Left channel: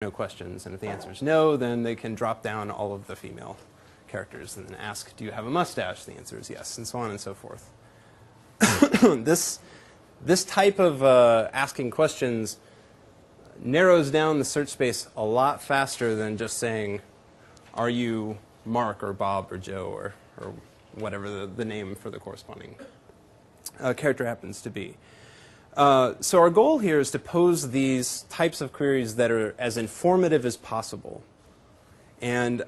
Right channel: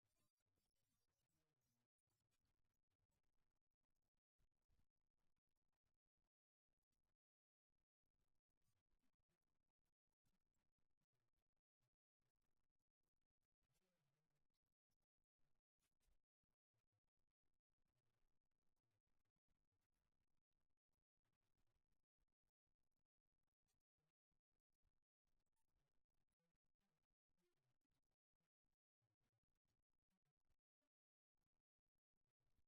no questions. And if the answer is no, then they can drop down all of the female characters and then ask, do you have a mustache? The answer is yes, and so on and so forth. This type of asking questions narrows down the search space a lot faster than just saying, are you Mark or Bob or Joe or whatever the name for the corresponding character happens to be. So our goal here is to pose these types of queries that are as informative as possible. And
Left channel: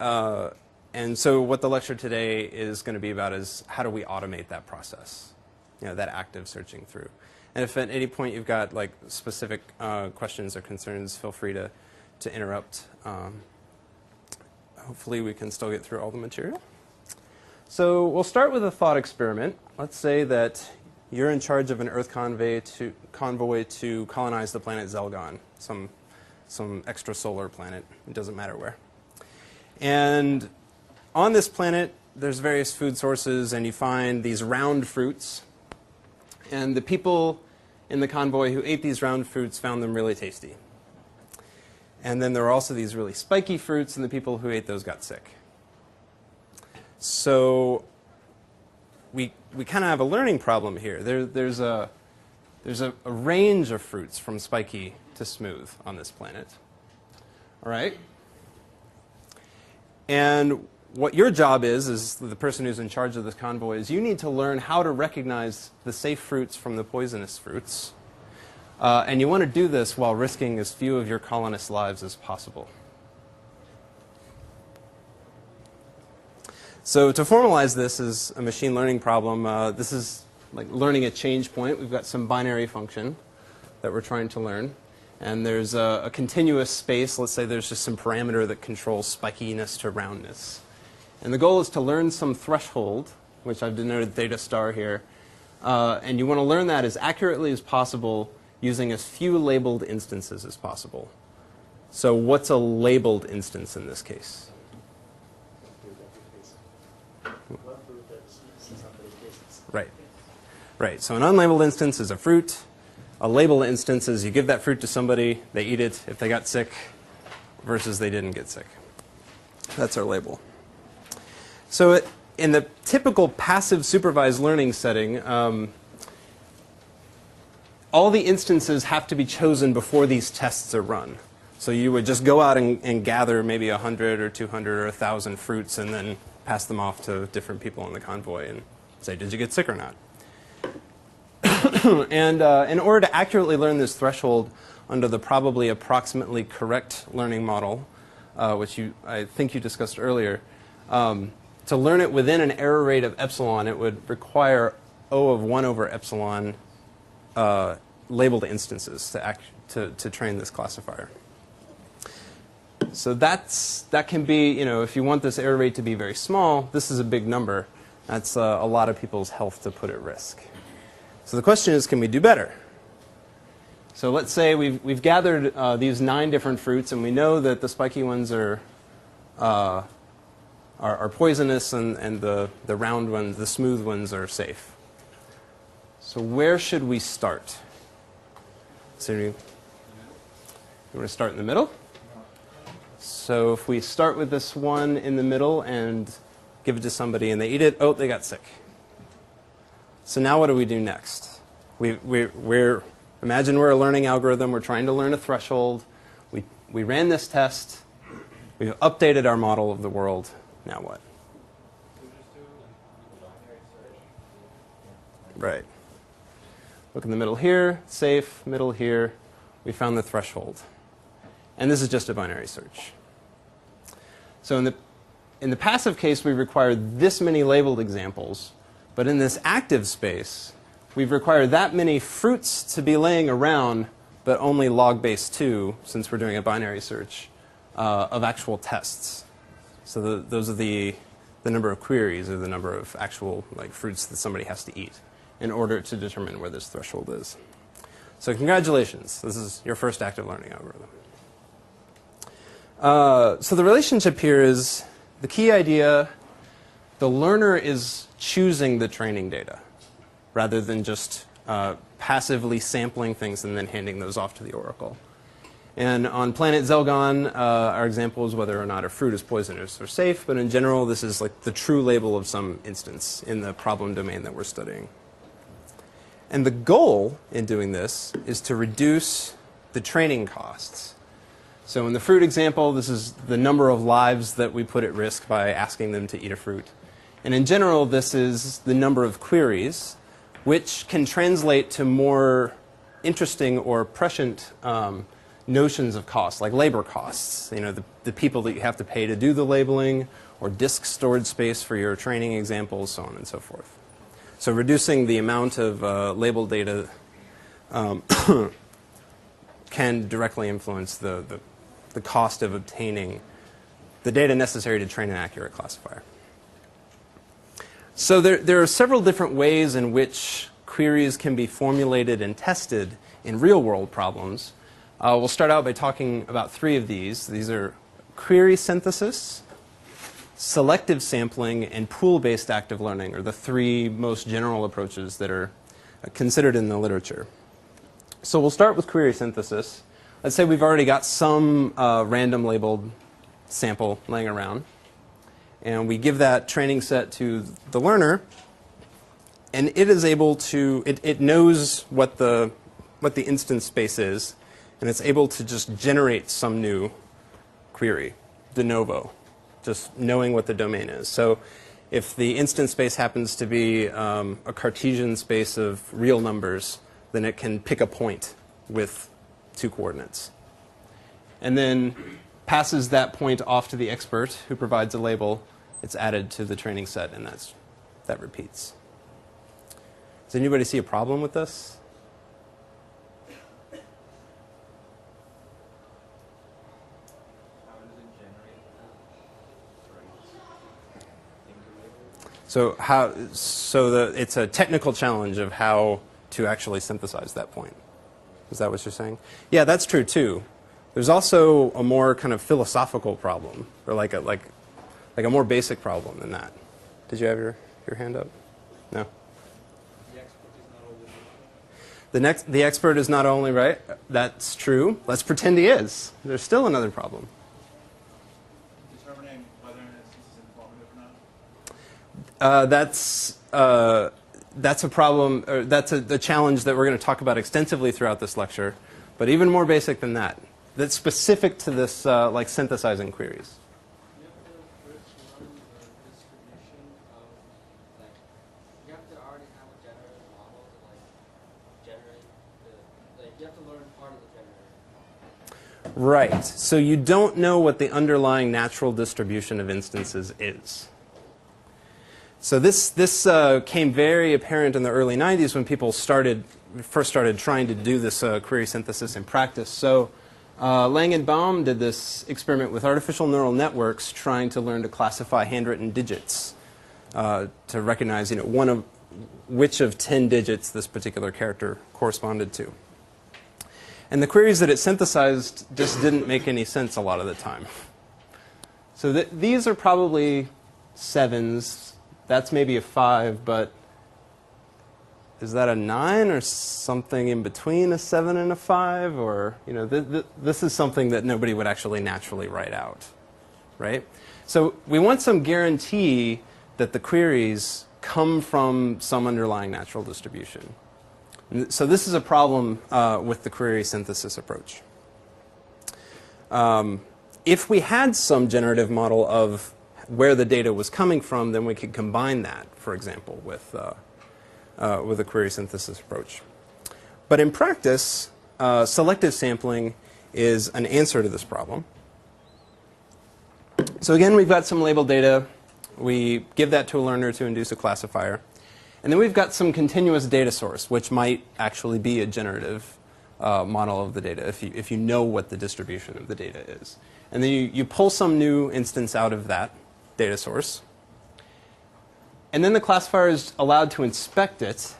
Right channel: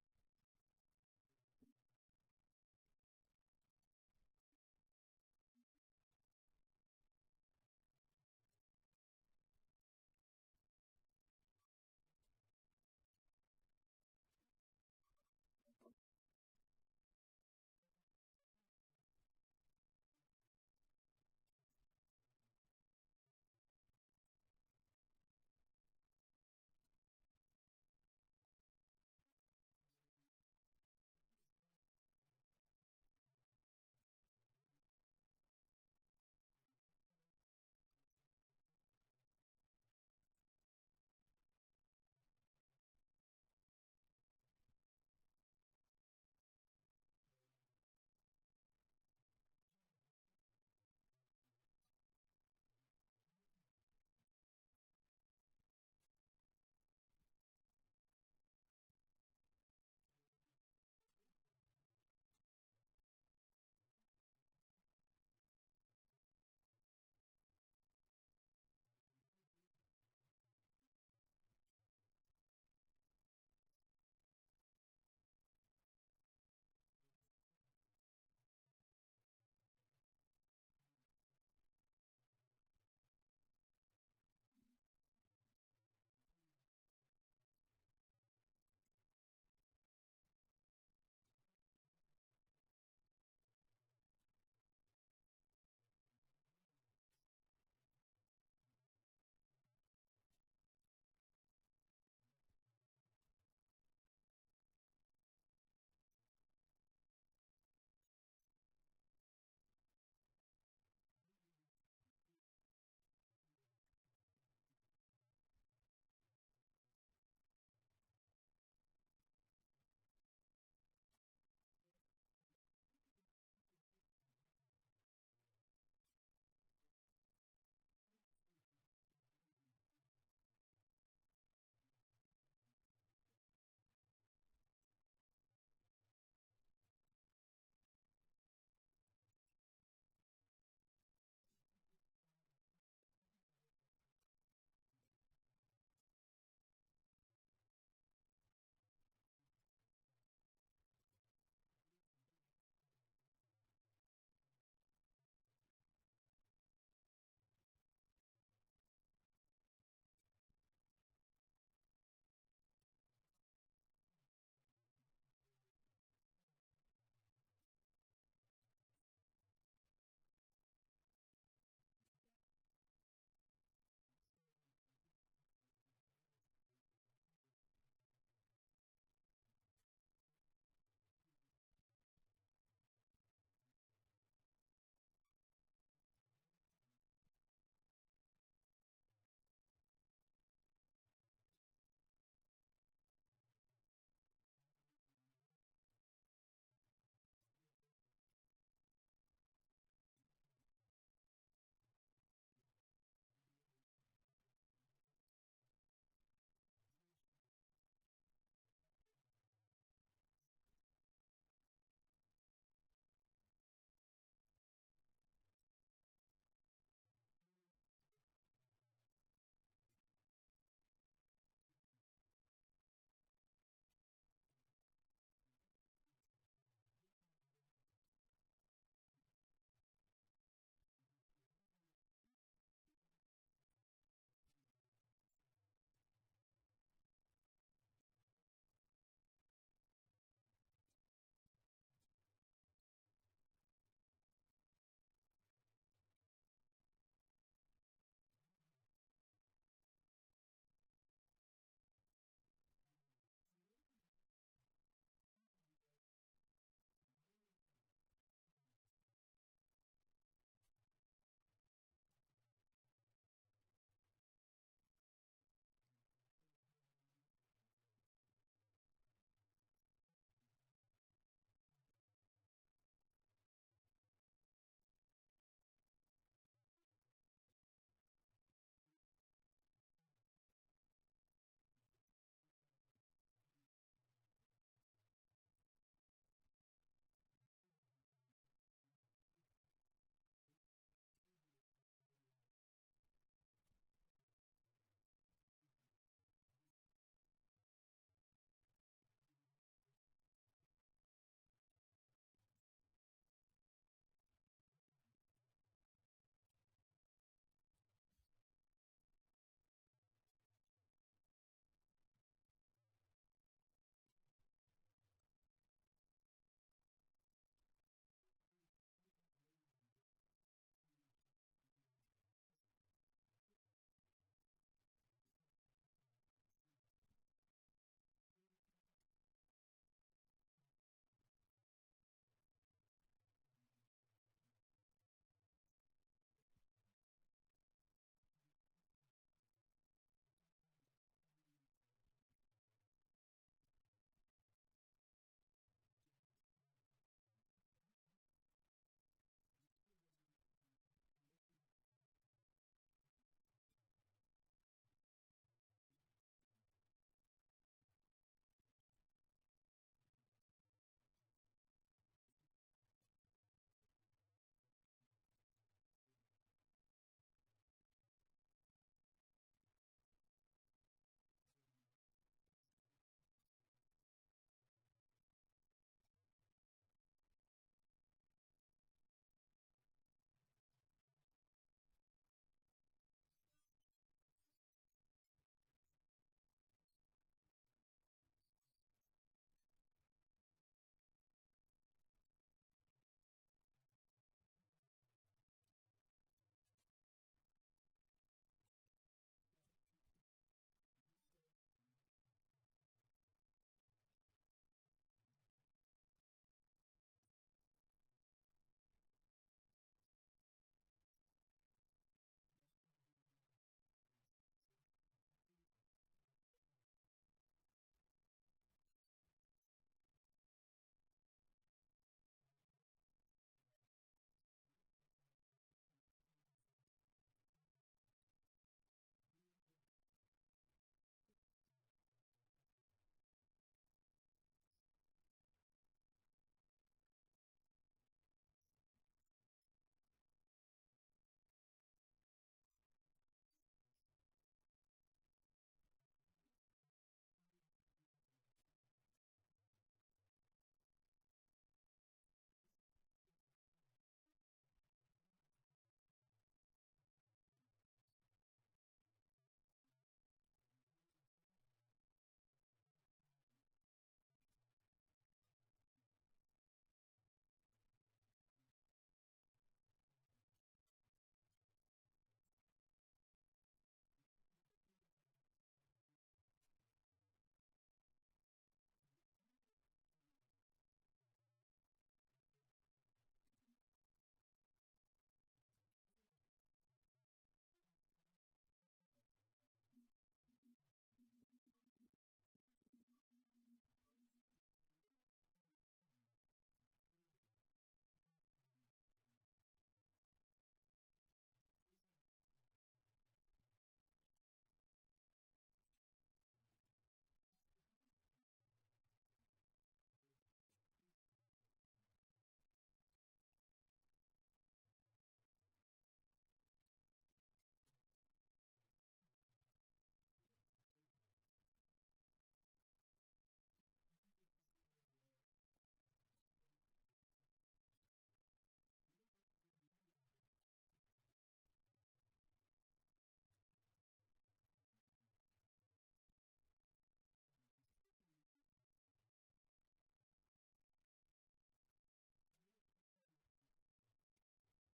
so what the lecture today is going to be about is how do we automate that process, that active searching through. And if at any point you've got like specific questions or concerns, feel free to interrupt. Hopefully we can still get through all the material. So we'll start with a thought experiment. Let's say that you're in charge of an Earth convoy to colonize the planet Zelgon, some extrasolar planet. It doesn't matter where. And on this planet, there's various food sources, and you find these round fruits. And the people in the convoy who ate these round fruits found them really tasty. And then there were also these really spiky fruits, and the people who ate those got sick. So we kind of have a learning problem here. There's a range of fruits from spiky to smooth on this planet. All right? And what your job is the person who's in charge of this convoy, is you need to learn how to recognize the safe fruits from the poisonous fruits. And you want to do this while risking as few of your colonists' lives as possible. So to formalize this as a machine learning problem, this is like learning a change point. We've got some binary function that we're trying to learn. And there's a continuous space. Let's say there's just some parameter that controls spikiness to roundness. And the goal is to learn some threshold, which I've denoted theta star here. And you want to learn that as accurately as possible using as few labeled instances as possible. So what's a labeled instance in this case? Right. Right. So an unlabeled instance is a fruit. A labeled instance is you give that fruit to somebody, they eat it if they got sick, versus they didn't get sick. That's our label. So in the typical passive supervised learning setting, all the instances have to be chosen before these tests are run. So you would just go out and gather maybe 100 or 200 or 1,000 fruits and then pass them off to different people in the convoy and say, did you get sick or not? And in order to accurately learn this threshold under the probably approximately correct learning model, which I think you discussed earlier, to learn it within an error rate of epsilon, it would require O of 1 over epsilon labeled instances to train this classifier. So that can be, if you want this error rate to be very small, this is a big number. That's a lot of people's health to put at risk. So the question is, can we do better? So let's say we've gathered these 9 different fruits, and we know that the spiky ones are poisonous, and the round ones, the smooth ones, are safe. So where should we start? So you want to start in the middle? So if we start with this one in the middle and give it to somebody and they eat it, oh, they got sick. So now what do we do next? Imagine we're a learning algorithm. We're trying to learn a threshold. We ran this test. We've updated our model of the world. Now what? Right. Look in the middle here, safe, middle here. We found the threshold. And this is just a binary search. So in the passive case, we require this many labeled examples. But in this active space, we've required that many fruits to be laying around, but only log base 2, since we're doing a binary search, of actual tests. So those are the number of queries, or the number of actual fruits that somebody has to eat in order to determine where this threshold is. So congratulations. This is your first active learning algorithm. So the relationship here is the key idea. The learner is choosing the training data rather than just passively sampling things and then handing those off to the oracle. And on planet Zelgon, our example is whether or not a fruit is poisonous or safe. But in general, this is like the true label of some instance in the problem domain that we're studying. And the goal in doing this is to reduce the training costs. So in the fruit example, this is the number of lives that we put at risk by asking them to eat a fruit. And in general, this is the number of queries, which can translate to more interesting or prescient notions of cost, like labor costs. You know, the people that you have to pay to do the labeling, or disk storage space for your training examples, so on and so forth. So reducing the amount of labeled data can directly influence the cost of obtaining the data necessary to train an accurate classifier. So there are several different ways in which queries can be formulated and tested in real-world problems. We'll start out by talking about three of these. These are query synthesis, selective sampling, and pool-based active learning are the three most general approaches that are considered in the literature. So we'll start with query synthesis. Let's say we've already got some random labeled sample laying around. And we give that training set to the learner. And it is able to, it knows what the instance space is. And it's able to just generate some new query, de novo, just knowing what the domain is. So if the instance space happens to be a Cartesian space of real numbers, then it can pick a point with 2 coordinates. And then passes that point off to the expert who provides a label. It's added to the training set, and that repeats. Does anybody see a problem with this? So it's a technical challenge of how to actually synthesize that point. Is that what you're saying? Yeah, that's true too. There's also a more kind of philosophical problem, or like a more basic problem than that. Did you have your hand up? No. The expert is not only right. That's true. Let's pretend he is. There's still another problem. Determining whether an instance is informative or not? That's a problem, or that's a challenge that we're going to talk about extensively throughout this lecture, but even more basic than that. That's specific to this, like synthesizing queries. You have to first learn the distribution of, like, you have to already have a generative model to, like, generate the, like, you have to learn part of the generator. Right. So you don't know what the underlying natural distribution of instances is. So this came very apparent in the early 90s when people first started trying to do this query synthesis in practice. So Lang and Baum did this experiment with artificial neural networks trying to learn to classify handwritten digits to recognize, which of 10 digits this particular character corresponded to. And the queries that it synthesized just didn't make any sense a lot of the time. So these are probably 7s. That's maybe a 5, but is that a 9 or something in between a 7 and a 5? Or, this is something that nobody would actually naturally write out, right? So we want some guarantee that the queries come from some underlying natural distribution. And so this is a problem with the query synthesis approach. If we had some generative model of where the data was coming from, then we could combine that, for example, with a query synthesis approach. But in practice, selective sampling is an answer to this problem. So again, we've got some labeled data. We give that to a learner to induce a classifier. And then we've got some continuous data source, which might actually be a generative model of the data if you know what the distribution of the data is. And then you pull some new instance out of that data source. And then the classifier is allowed to inspect it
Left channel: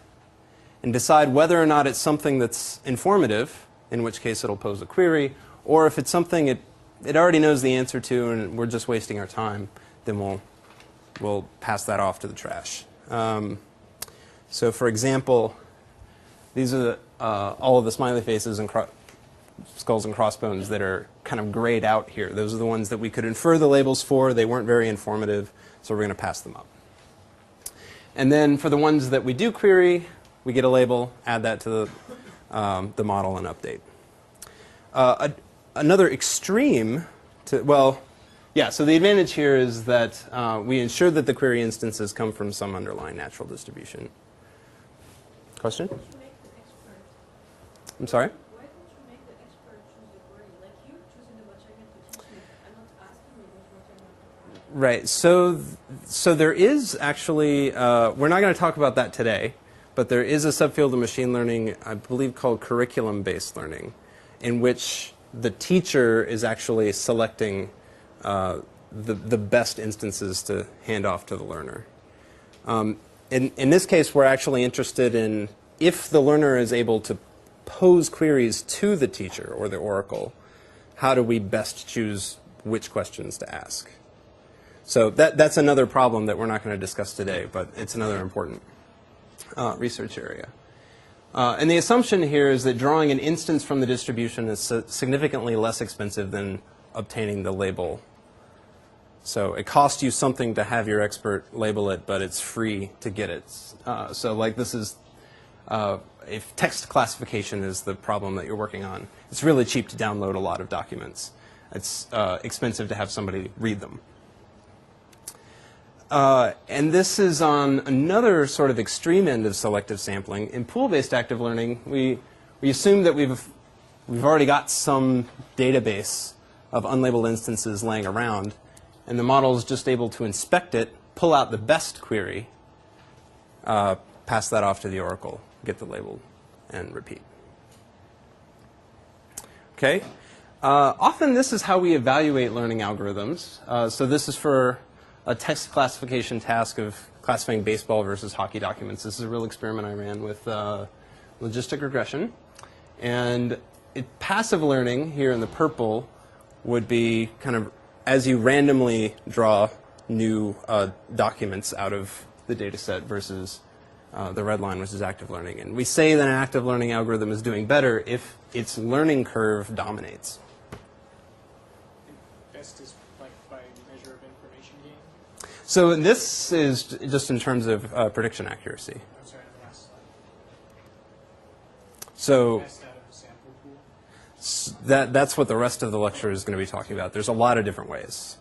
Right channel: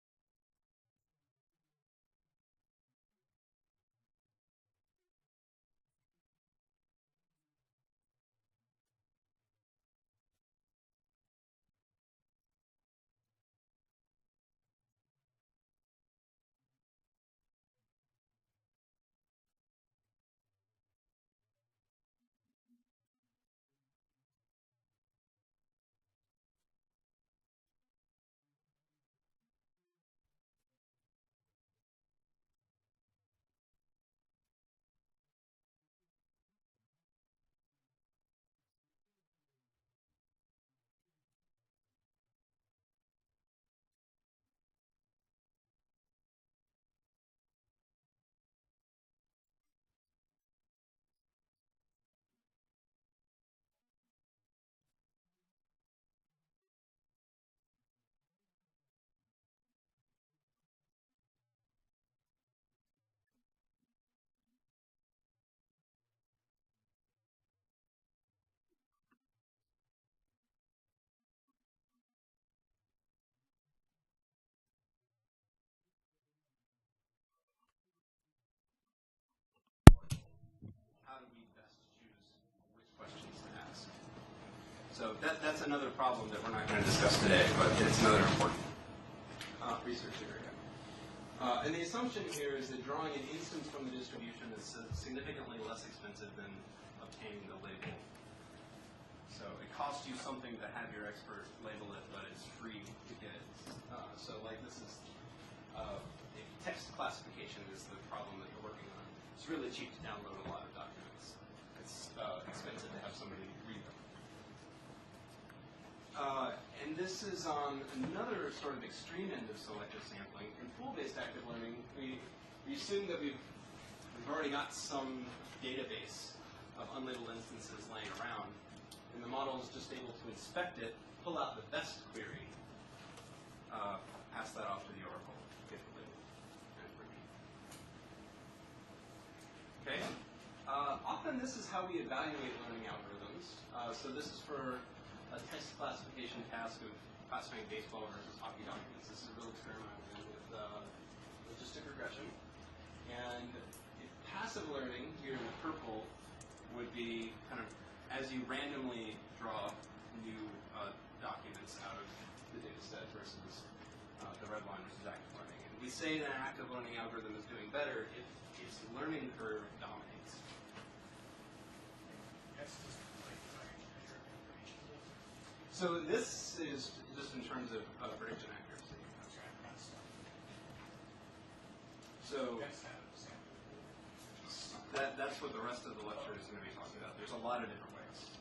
and decide whether or not it's something that's informative, in which case it'll pose a query, or if it's something it already knows the answer to and we're just wasting our time, then we'll pass that off to the trash. So for example, these are all of the smiley faces skulls and crossbones that are kind of grayed out here. Those are the ones that we could infer the labels for. They weren't very informative, so we're going to pass them up. And then for the ones that we do query, we get a label, add that to the model, and update. Another extreme to, well, yeah, so the advantage here is that we ensure that the query instances come from some underlying natural distribution. Question? Why don't you make the expert? I'm sorry? Why don't you make the expert choose the wording? Like you're choosing the material to teach me. I'm not asking you what material. Right. So there is actually, we're not going to talk about that today, but there is a subfield of machine learning, I believe, called curriculum-based learning, in which the teacher is actually selecting the best instances to hand off to the learner. In this case, we're actually interested in if the learner is able to pose queries to the teacher or the oracle, how do we best choose which questions to ask? So that's another problem that we're not going to discuss today, but it's another important research area. And the assumption here is that drawing an instance from the distribution is significantly less expensive than obtaining the label. So it costs you something to have your expert label it, but it's free to get it. So like this is, if text classification is the problem that you're working on, it's really cheap to download a lot of documents. It's expensive to have somebody read them. And this is on another sort of extreme end of selective sampling. In pool-based active learning, we assume that we've already got some database of unlabeled instances laying around, and the model is just able to inspect it, pull out the best query, pass that off to the oracle, get the label, and repeat. Okay. Often this is how we evaluate learning algorithms. So this is for a text classification task of classifying baseball versus hockey documents. This is a real experiment I ran with logistic regression. And passive learning here in the purple would be kind of as you randomly draw new documents out of the data set versus the red line, which is active learning. And we say that an active learning algorithm is doing better if its learning curve dominates. Best is by measure of information gain. So this is just in terms of prediction accuracy. I'm sorry, the last slide. So Best out of the sample pool. that's what the rest of the lecture is going to be talking about. There's a lot of different ways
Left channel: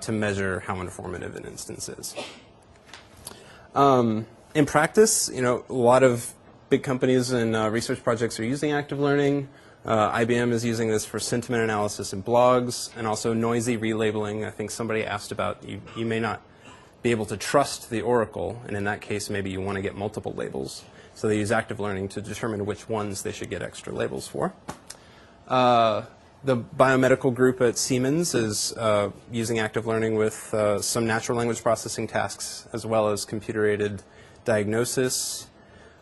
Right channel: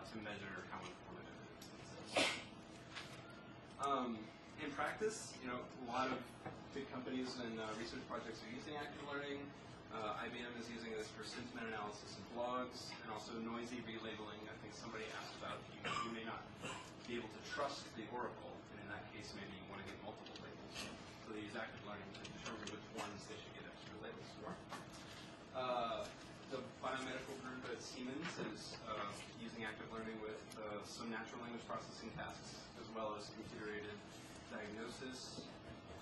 to measure how informative an instance is. In practice, a lot of big companies and research projects are using active learning. IBM is using this for sentiment analysis in blogs and also noisy relabeling. I think somebody asked about you may not be able to trust the oracle, and in that case, maybe you want to get multiple labels. So they use active learning to determine which ones they should get extra labels for. The biomedical group at Siemens is using active learning with some natural language processing tasks as well as computer-aided diagnosis.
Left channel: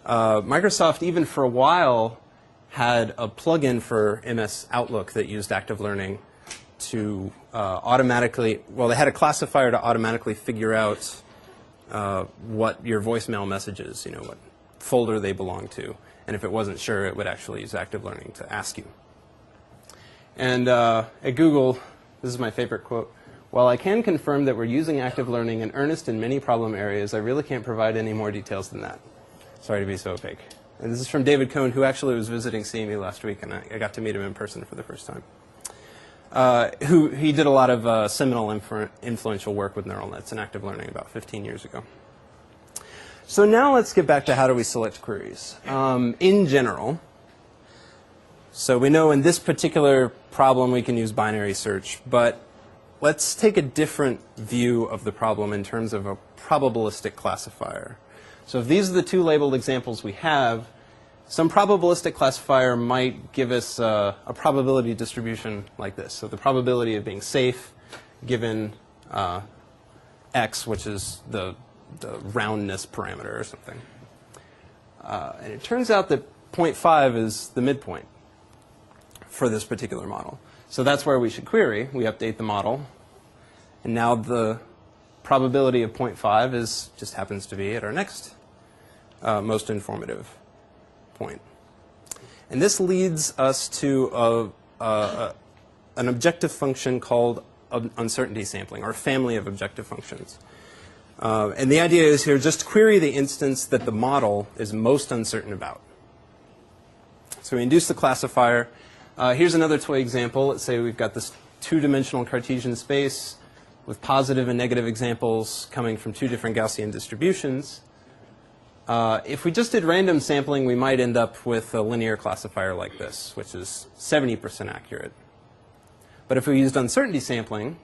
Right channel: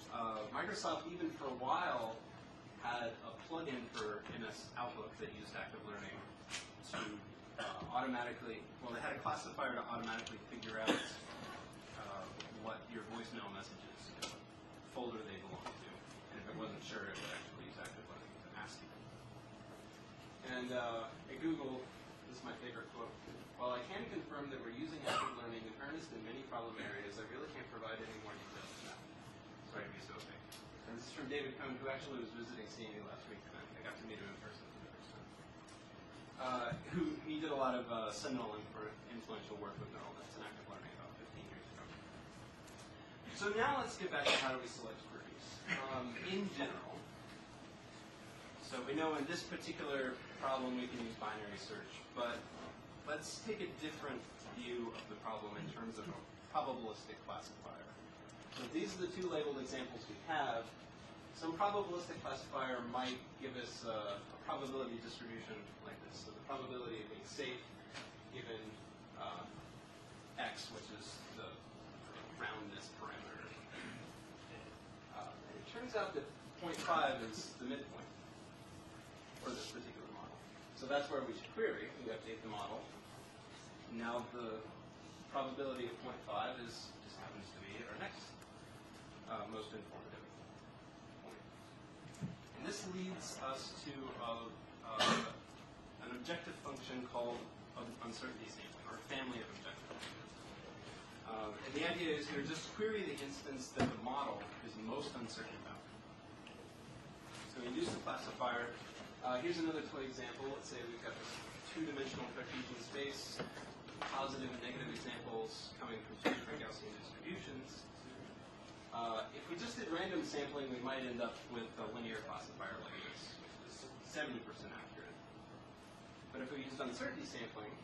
Microsoft, even for a while, had a plugin for MS Outlook that used active learning to automatically, well, they had a classifier to automatically figure out what your voicemail messages, what folder they belong to. And if it wasn't sure, it would actually use active learning to ask you. And at Google, this is my favorite quote, "While I can confirm that we're using active learning in earnest in many problem areas, I really can't provide any more details than that. Sorry to be so opaque." And this is from David Cohn, who actually was visiting CME last week, and I got to meet him in person for the first time. He did a lot of seminal influential work with neural nets and active learning about 15 years ago. So now let's get back to how do we select queries. In general, so we know in this particular problem we can use binary search, but let's take a different view of the problem in terms of a probabilistic classifier. So if these are the two labeled examples we have, some probabilistic classifier might give us a probability distribution like this. So the probability of being safe given x, which is the roundness parameter or something. And it turns out that 0.5 is the midpoint for this particular model. So that's where we should query. We update the model. And now the probability of 0.5 just happens to be at our next most informative point. And this leads us to an objective function called uncertainty sampling, or a family of objective functions. And the idea is here, just query the instance that the model is most uncertain about. So we induce the classifier. Here's another toy example. Let's say we've got this two-dimensional Cartesian space with positive and negative examples coming from two different Gaussian distributions. If we just did random sampling, we might end up with a linear classifier like this, which is 70% accurate. But if we used uncertainty sampling,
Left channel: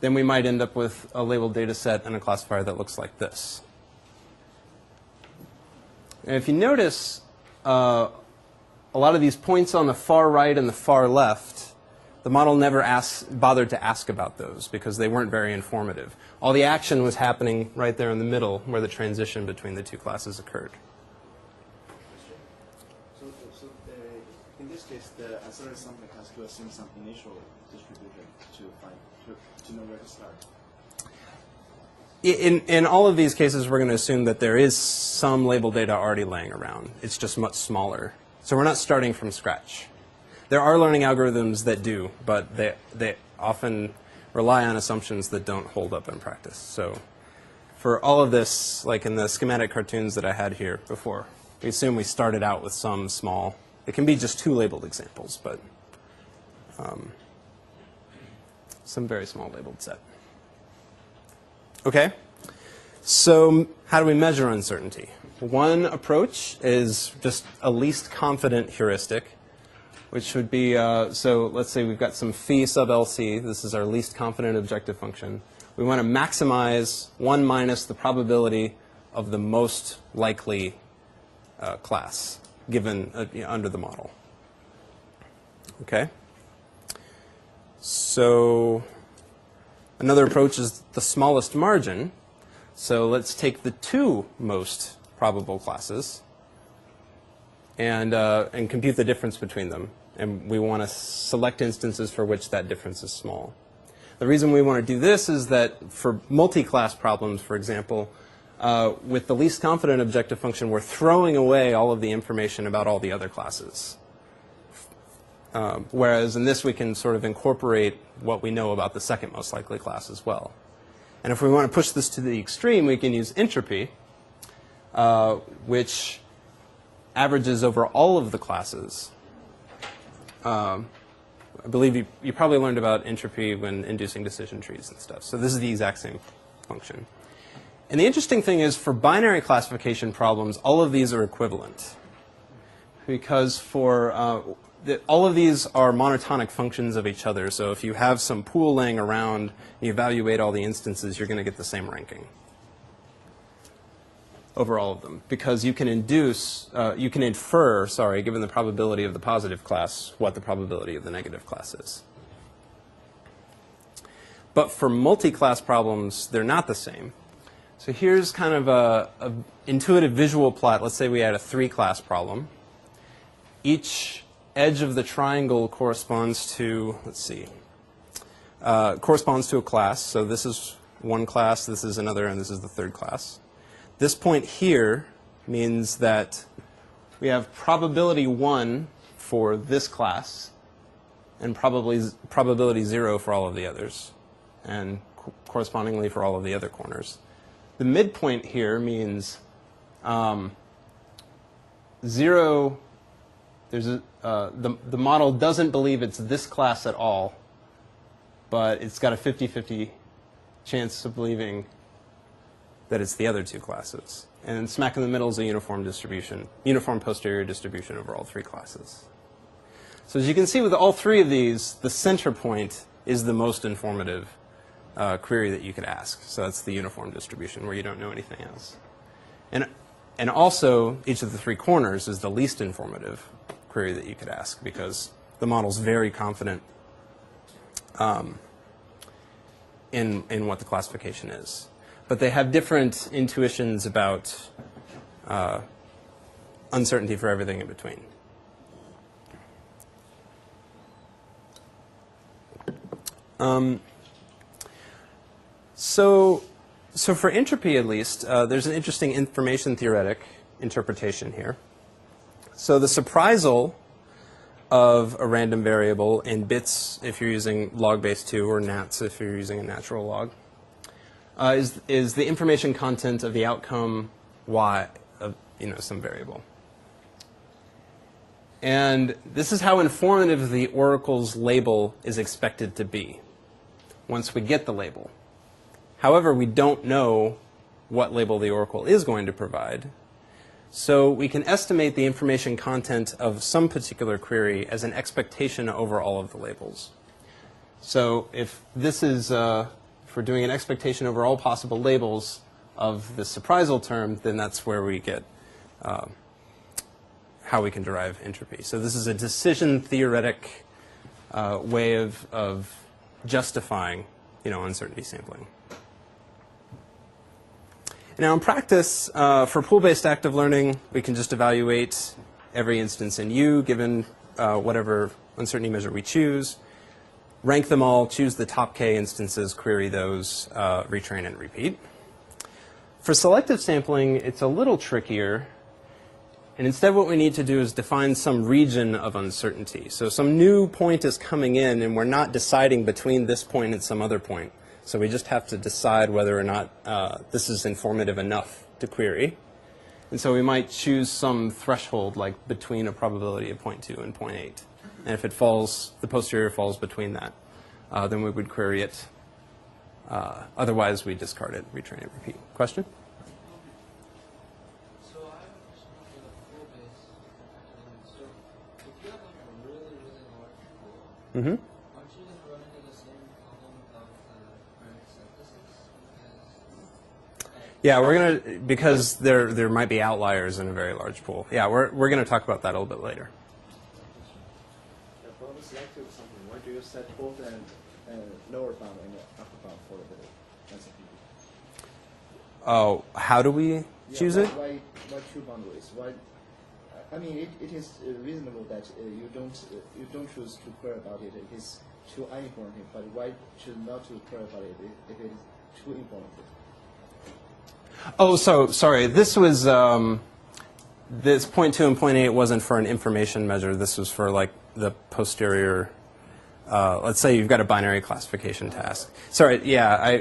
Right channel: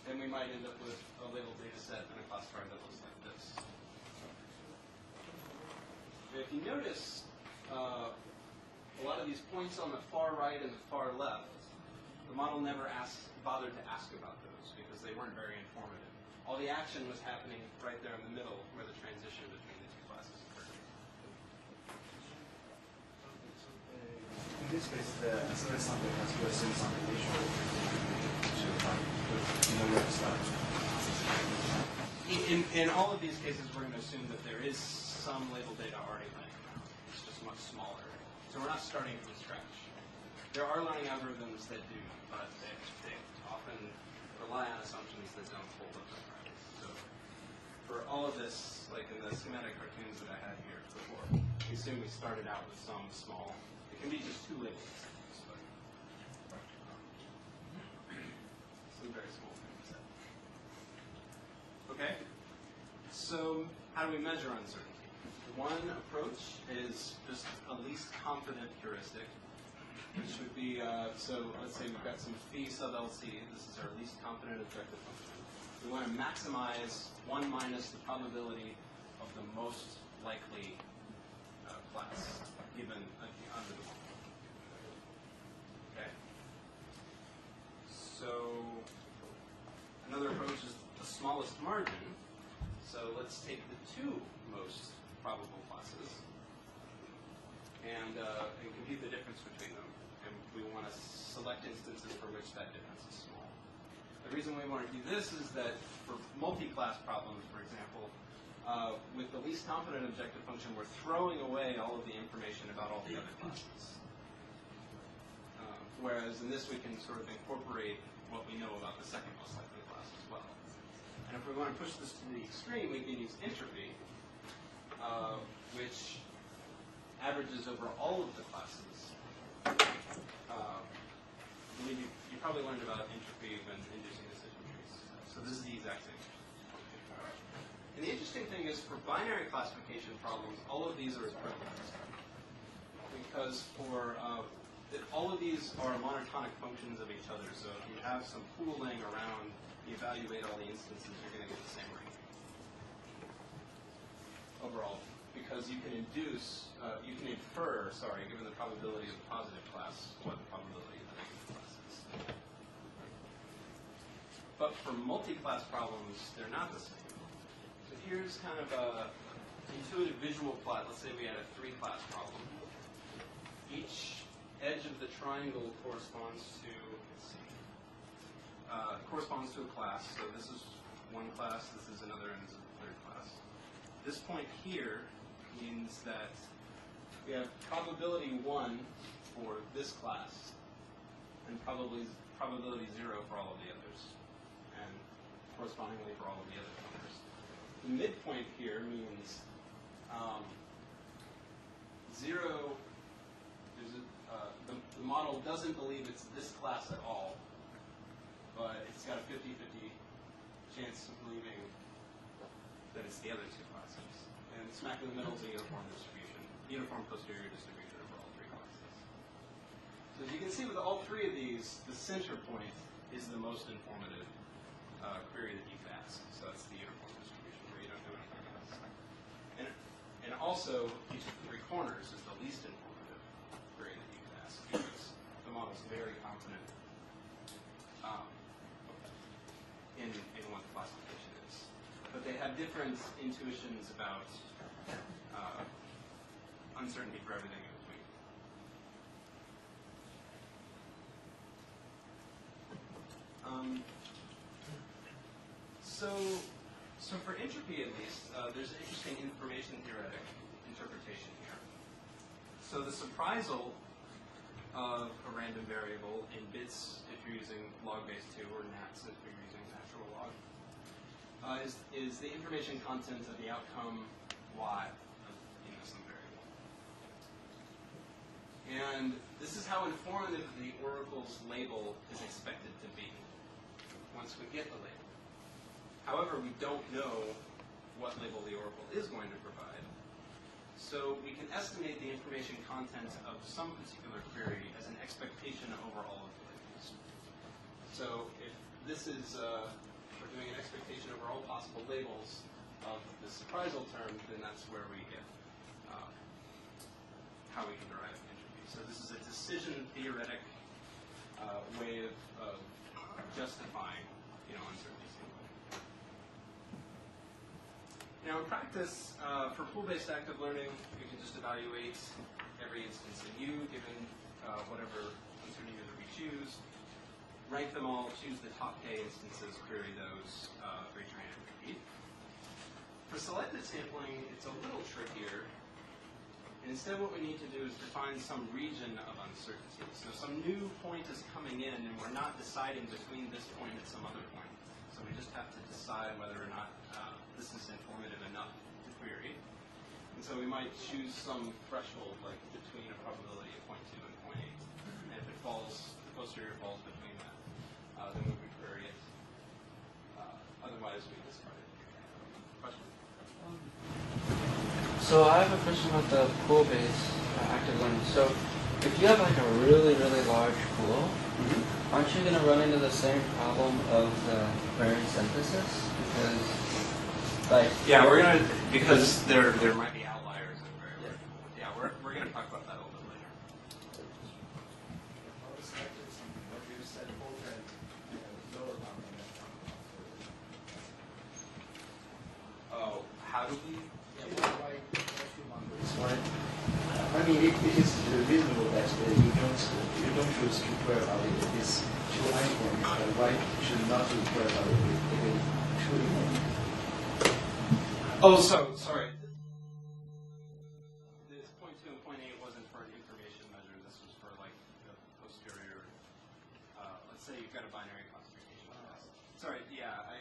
then we might end up with a labeled data set and a classifier that looks like this. And if you notice, a lot of these points on the far right and the far left, the model never bothered to ask about those because they weren't very informative. All the action was happening right there in the middle where the transition between the two classes occurred. So in this case, the SRS sampling has to assume some initial In all of these cases, we're going to assume that there is some labeled data already laying around. It's just much smaller. So we're not starting from scratch. There are learning algorithms that do, but they often rely on assumptions that don't hold up in practice. So for all of this, like in the schematic cartoons that I had here before, we assume we started out with some small, it can be just two labeled examples, but some very small labeled set. Okay, so how do we measure uncertainty? One approach is just a least confident heuristic, which would be, so let's say we've got some phi sub LC. This is our least confident objective function. We want to maximize 1 minus the probability of the most likely class given under the model. Okay? So another approach is the smallest margin. So let's take the two most probable classes and compute the difference between them. And we want to select instances for which that difference is small. The reason we want to do this is that for multi-class problems, for example, with the least confident objective function, we're throwing away all of the information about all the other classes. Whereas in this, we can sort of incorporate what we know about the second most likely class as well. And if we want to push this to the extreme, we can use entropy, which averages over all of the classes. I believe you probably learned about entropy when inducing decision trees and stuff. So this is the exact same function. And the interesting thing is, for binary classification problems, all of these are equivalent. Because for all of these are monotonic functions of each other. So if you have some pool laying around and you evaluate all the instances, you're going to get the same ranking over all of them, because you can infer, given the probability of the positive class, what the probability of the negative class is. But for multi-class problems, they're not the same. So here's kind of a intuitive visual plot. Let's say we had a 3-class problem. Each edge of the triangle corresponds to, corresponds to a class. So this is one class, this is another, and this is the third class. This point here means that we have probability 1 for this class and probability 0 for all of the others, and correspondingly for all of the other corners. The midpoint here means 0, the model doesn't believe it's this class at all, but it's got a 50-50 chance of believing that it's the other two classes. And smack in the middle is a uniform distribution, uniform posterior distribution over all 3 classes. So as you can see with all 3 of these, the center point is the most informative query that you could ask. So that's the uniform distribution where you don't know anything else. And also, each of the 3 corners is the least informative query that you could ask, because the model's very confident in what the classification is. But they have different intuitions about uncertainty for everything in between. So for entropy, at least, there's an interesting information theoretic interpretation here. So the surprisal of a random variable in bits if you're using log base 2 or nats if you're using a natural log is the information content of the outcome y of some variable. And this is how informative the oracle's label is expected to be once we get the label. However, we don't know what label the oracle is going to provide. So we can estimate the information content of some particular query as an expectation over all of the labels. So if this is, if we're doing an expectation over all possible labels of the surprisal term, then that's where we get how we can derive entropy. So this is a decision theoretic way of justifying uncertainty sampling. Now, in practice, for pool-based active learning, we can just evaluate every instance in U, given whatever uncertainty measure we choose, rank them all, choose the top k instances, query those, retrain and repeat. For selective sampling, it's a little trickier. And instead, what we need to do is define some region of uncertainty. So some new point is coming in, and we're not deciding between this point and some other point. So we just have to decide whether or not this is informative enough to query. And so we might choose some threshold, like between a probability of 0.2 and 0.8. And if it falls, the posterior falls between that, then we would query it. Otherwise, we discard it, retrain it, repeat. Question? So I have a question about the pool-based active learning. So if you have like a really, really large pool, aren't you going to run into the same problem of the query synthesis? Because, like, yeah, we're gonna because there might be outliers in a very large pool. Yeah, we're gonna talk about that a little bit later. For the selective something, what do you set both and lower bound and talk about for the Oh, how do we choose it? Why two boundaries? Why? I mean, it is reasonable that you don't choose to query about it. It's two line point. Why should not to query about it with two line? Oh, so sorry. This was this 0.2 and 0.8 wasn't for an information measure. This was for like the posterior. Let's say you've got a binary classification task. Sorry. Yeah.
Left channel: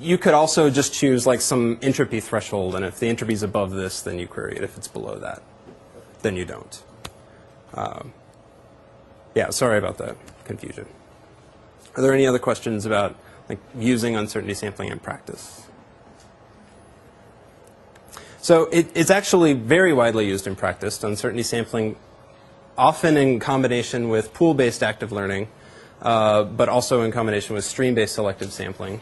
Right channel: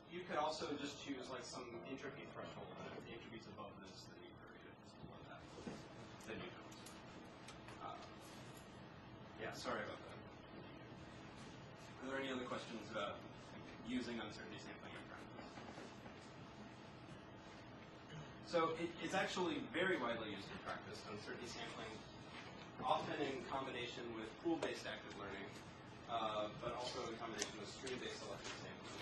You could also just choose like some entropy threshold, and if the entropy is above this, then you query it. If it's below that, then you don't. Yeah. Sorry about that confusion. Are there any other questions about like using uncertainty sampling in practice? So it's actually very widely used in practice, uncertainty sampling, often in combination with pool-based active learning, but also in combination with stream-based selective sampling.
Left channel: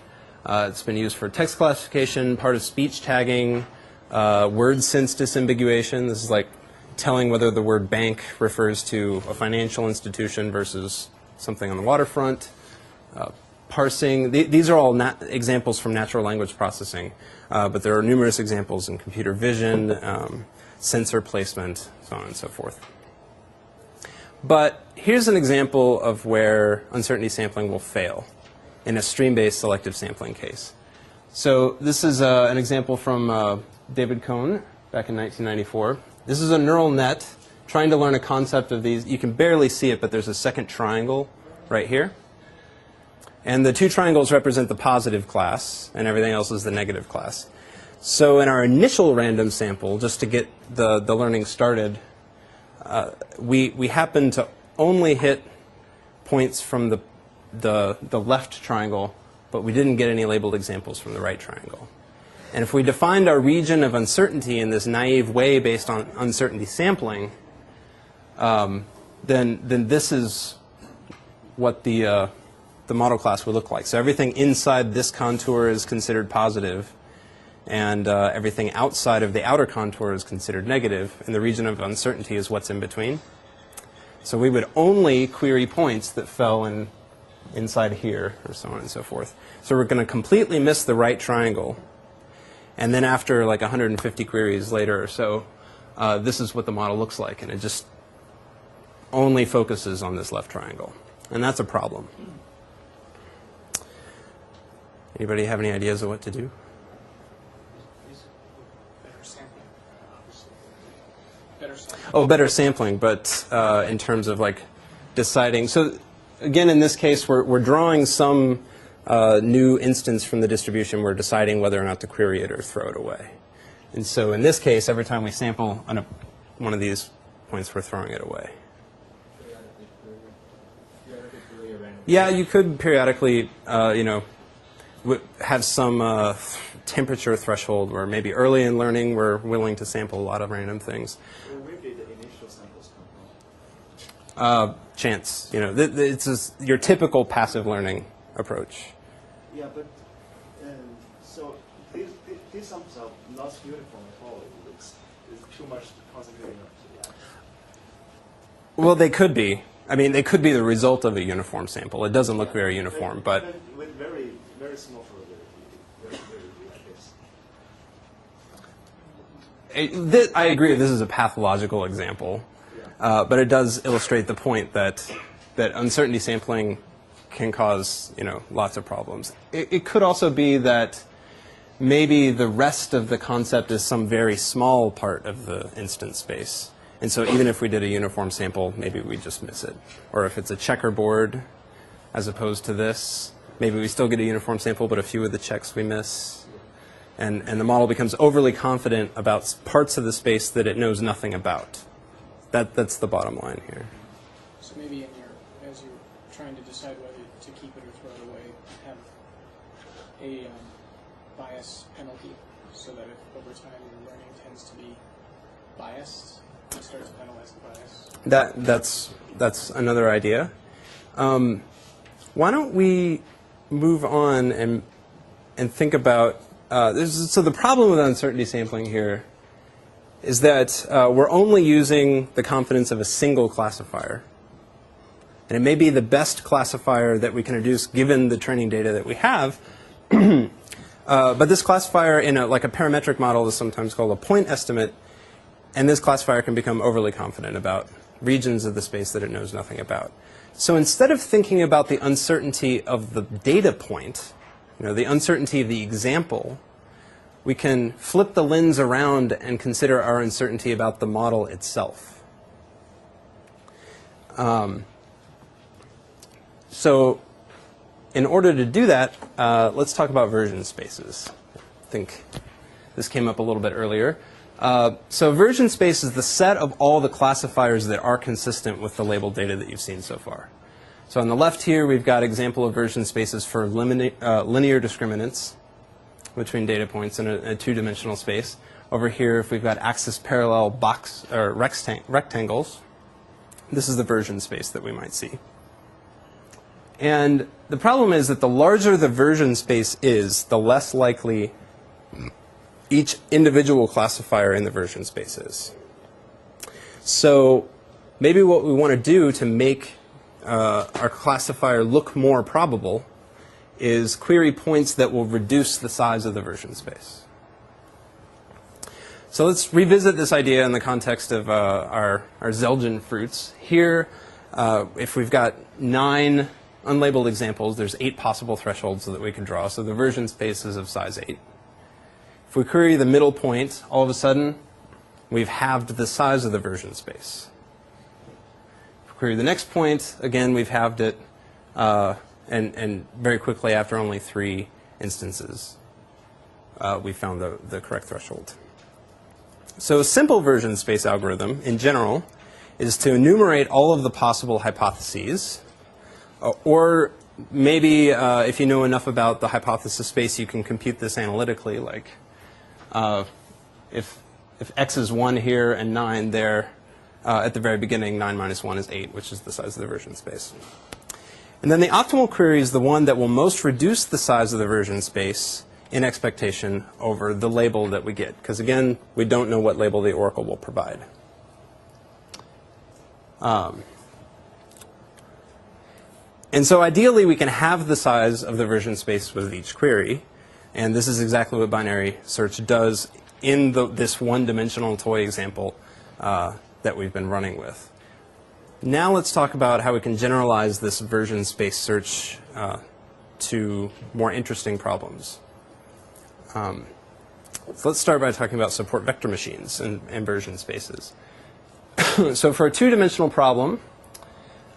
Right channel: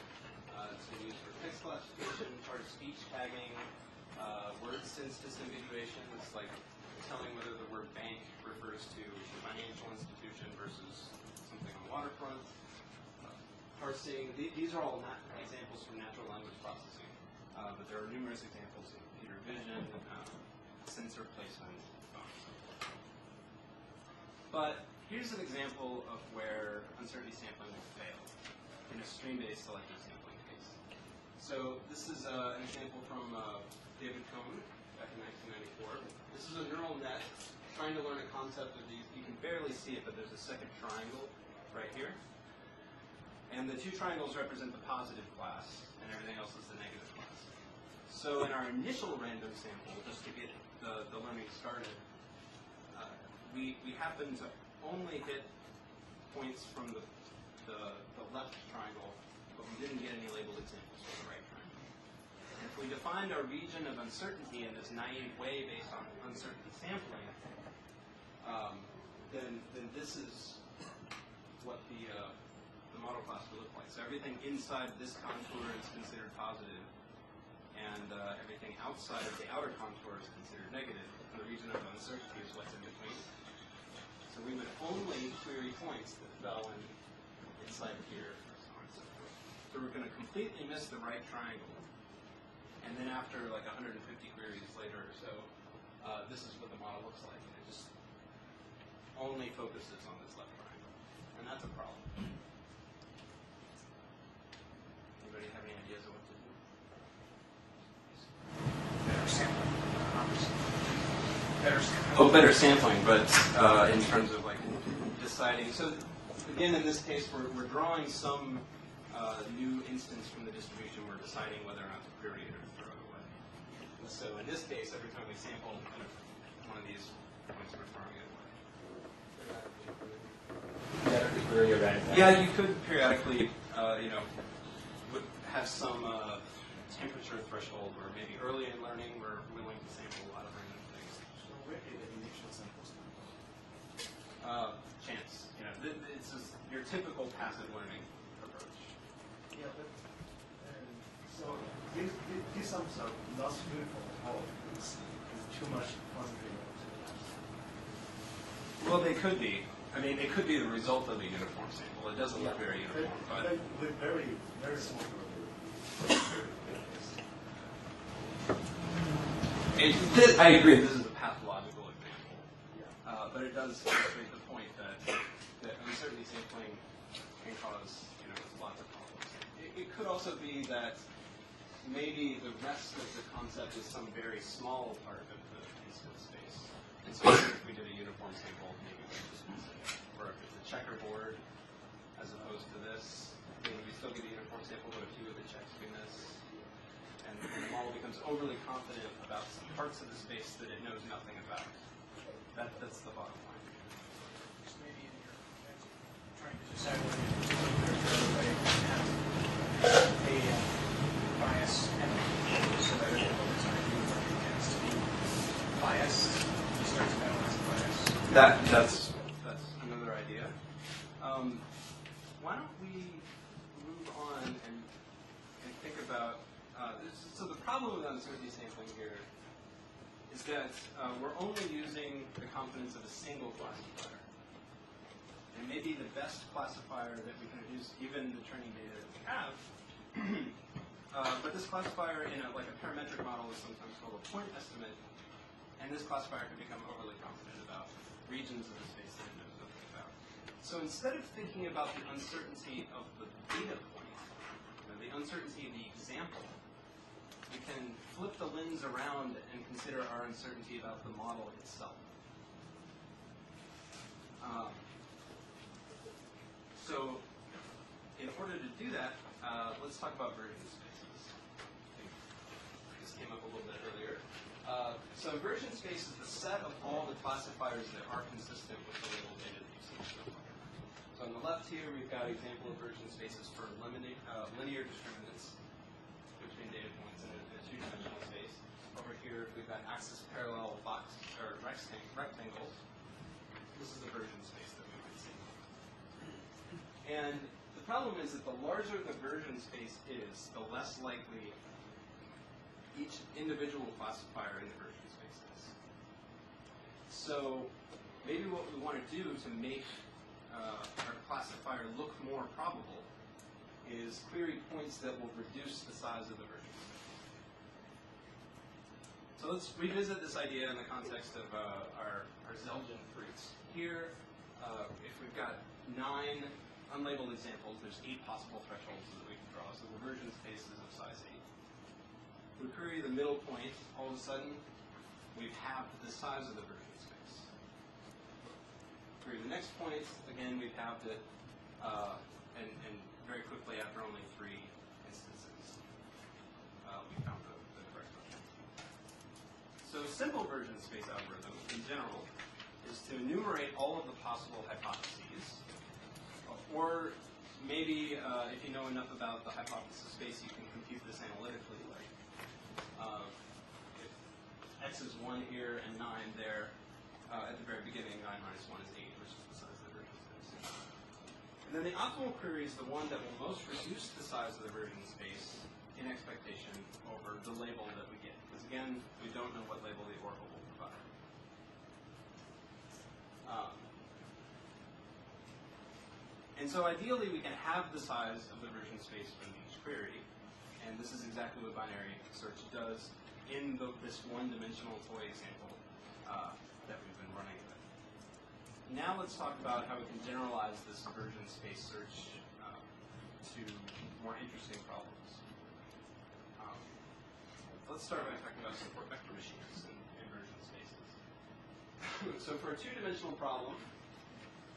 It's been used for text classification, part of speech tagging, word sense disambiguation. This is like telling whether the word bank refers to a financial institution versus something on the waterfront. Parsing. These are all examples from natural language processing. But there are numerous examples in computer vision, sensor placement, so on and so forth. But here's an example of where uncertainty sampling will fail in a stream-based selective sampling case. So this is an example from David Cohn back in 1994. This is a neural net trying to learn a concept of these. You can barely see it, but there's a second triangle right here. And the two triangles represent the positive class, and everything else is the negative class. So in our initial random sample, just to get the learning started, we happened to only hit points from the left triangle, but we didn't get any labeled examples from the right triangle. And if we defined our region of uncertainty in this naive way based on uncertainty sampling, then this is what the model class would look like. So everything inside this contour is considered positive, and everything outside of the outer contour is considered negative, and the region of uncertainty is what's in between. So we would only query points that fell inside here, or so on and so forth. So we're going to completely miss the right triangle, and then after like 150 queries later or so, this is what the model looks like, and it just only focuses on this left triangle. And that's a problem. Anybody have any ideas of what to do? Oh, better sampling, but in terms of like deciding. So again, in this case, we're drawing some new instance from the distribution. We're deciding whether or not to query it or throw it away. And so in this case, every time we sample one of these points, we're throwing it away. Yeah, you could periodically, have some temperature threshold where maybe early in learning we're willing to sample a lot of random things. Well, where did the initial samples come from? Chance, it's your typical passive learning approach. Yeah, but so these sums are not uniform at all. It's too much conjuring. Well, they could be. I mean, they could be the result of a uniform sample. It doesn't look very uniform, but with very, very small probability. I agree. This is a pathological example, but it does illustrate the point that uncertainty sampling can cause lots of problems. It could also be that maybe the rest of the concept is some very small part of the instance space. And so even if we did a uniform sample, maybe we just miss it. Or if it's a checkerboard as opposed to this, maybe we still get a uniform sample, but a few of the checks we miss. And the model becomes overly confident about parts of the space that it knows nothing about. That's the bottom line here. So maybe as you're trying to decide whether you throw away, have a bias penalty so that it will decide you against the bias. That's another idea. Why don't we move on and think about so the problem with uncertainty sampling here is that we're only using the confidence of a single classifier. And it may be the best classifier that we can introduce given the training data that we have. But this classifier in like a parametric model is sometimes called a point estimate. And this classifier can become overly confident about regions of the space that it knows nothing about. So instead of thinking about the uncertainty of the data point, the uncertainty of the example, we can flip the lens around and consider our uncertainty about the model itself. So in order to do that, let's talk about version spaces. I think this came up a little bit earlier. So version space is the set of all the classifiers that are consistent with the labeled data that you've seen so far. So on the left here, we've got example of version spaces for linear discriminants between data points in a two-dimensional space. Over here, if we've got axis parallel box or rectangles, this is the version space that we might see. And the problem is that the larger the version space is, the less likely each individual classifier in the version space is. So maybe what we want to do to make our classifier look more probable is query points that will reduce the size of the version space. So let's revisit this idea in the context of our Zelgin fruits. Here, if we've got 9 unlabeled examples, there's 8 possible thresholds that we can draw. So the version space is of size 8. If we query the middle point, all of a sudden, we've halved the size of the version space. If we query the next point, again, we've halved it, and very quickly, after only 3 instances, we found the correct threshold. So a simple version space algorithm, in general, is to enumerate all of the possible hypotheses, or maybe if you know enough about the hypothesis space, you can compute this analytically, like if x is 1 here and 9 there, at the very beginning, 9 minus 1 is 8, which is the size of the version space. And then the optimal query is the one that will most reduce the size of the version space in expectation over the label that we get. Because again, we don't know what label the oracle will provide. And so ideally, we can have the size of the version space with each query. And this is exactly what binary search does in this one-dimensional toy example that we've been running with. Now let's talk about how we can generalize this version space search to more interesting problems. So let's start by talking about support vector machines and version spaces. So for a two-dimensional problem,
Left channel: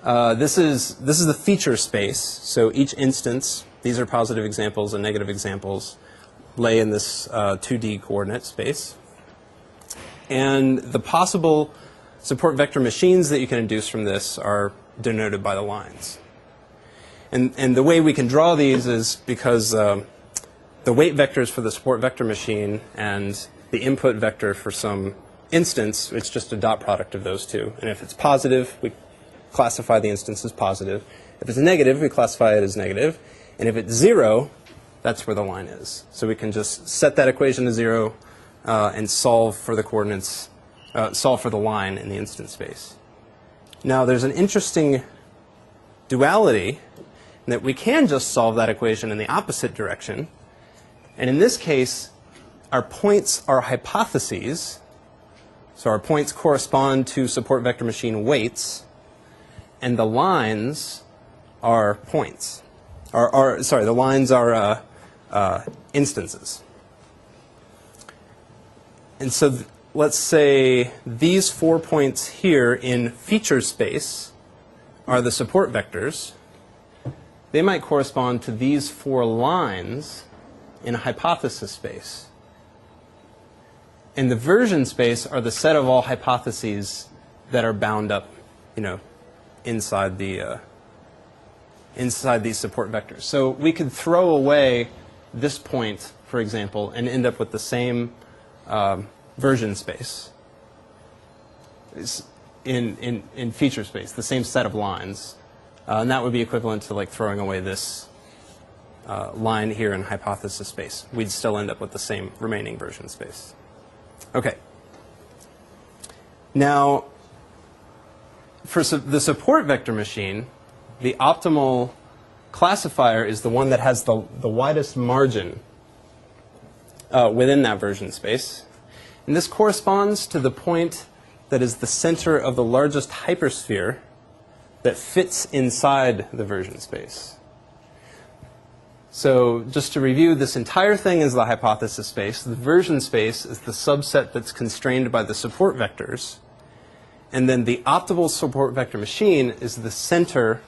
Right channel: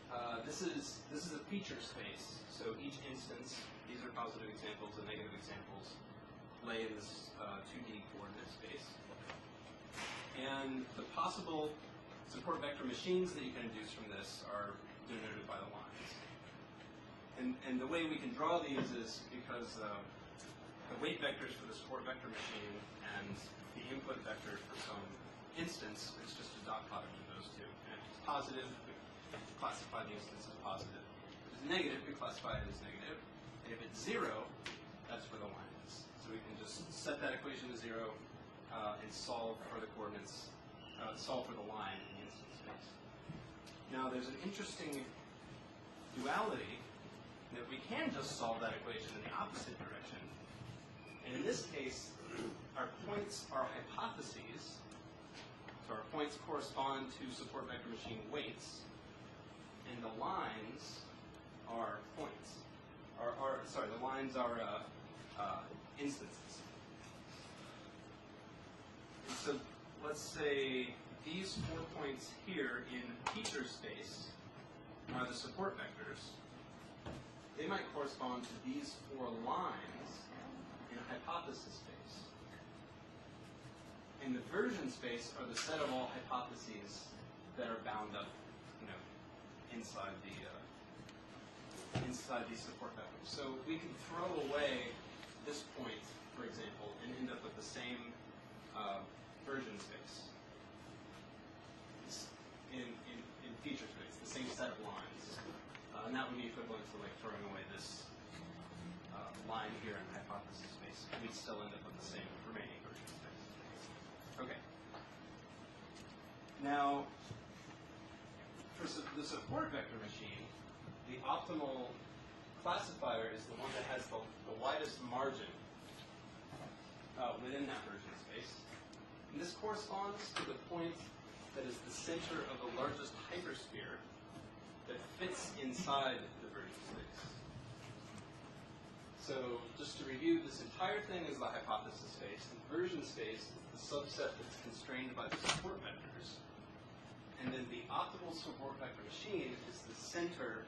this is the feature space. So each instance, these are positive examples and negative examples, lay in this 2D coordinate space. And the possible support vector machines that you can induce from this are denoted by the lines. And the way we can draw these is because the weight vectors for the support vector machine and the input vector for some instance, it's just a dot product of those two. And if it's positive, we classify the instance as positive. If it's negative, we classify it as negative. And if it's 0, that's where the line is. So we can just set that equation to 0 and solve for the coordinates, solve for the line in the instance space. Now, there's an interesting duality in that we can just solve that equation in the opposite direction. And in this case, our points are hypotheses. So our points correspond to support vector machine weights, and the lines are points. Sorry, the lines are instances. And so let's say these 4 points here in feature space are the support vectors. They might correspond to these 4 lines in a hypothesis space. And the version space are the set of all hypotheses that are bound up, inside these support vectors. So we could throw away this point, for example, and end up with the same version space in feature space, the same set of lines. And that would be equivalent to like throwing away this line here in hypothesis space. We'd still end up with the same remaining version space. Okay. Now, for the support vector machine, the optimal classifier is the one that has the widest margin within that version space. And this corresponds to the point that is the center of the largest hypersphere that fits inside the version space. So just to review, this entire thing is the hypothesis space. The version space is the subset that's constrained by the support vectors. And then the optimal support vector machine is the center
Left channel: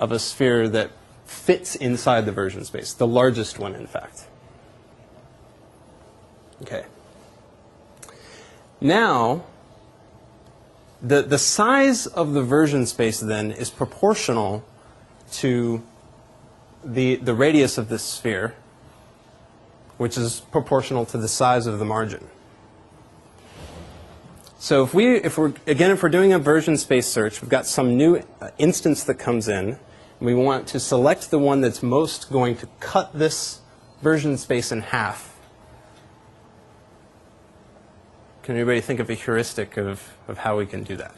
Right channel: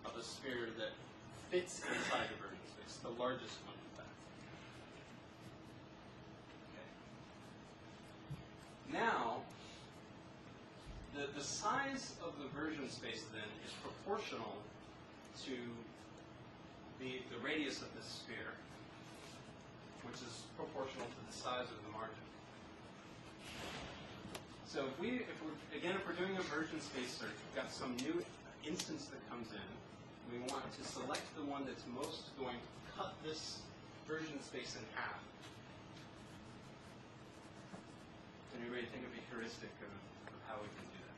of a sphere that fits inside the version space, the largest one, in fact. Okay. Now, the size of the version space, then, is proportional to the radius of this sphere, which is proportional to the size of the margin. So if we're doing a version space search, we've got some new instance that comes in, and we want to select the one that's most going to cut this version space in half. Can anybody think of a heuristic of how we can do that?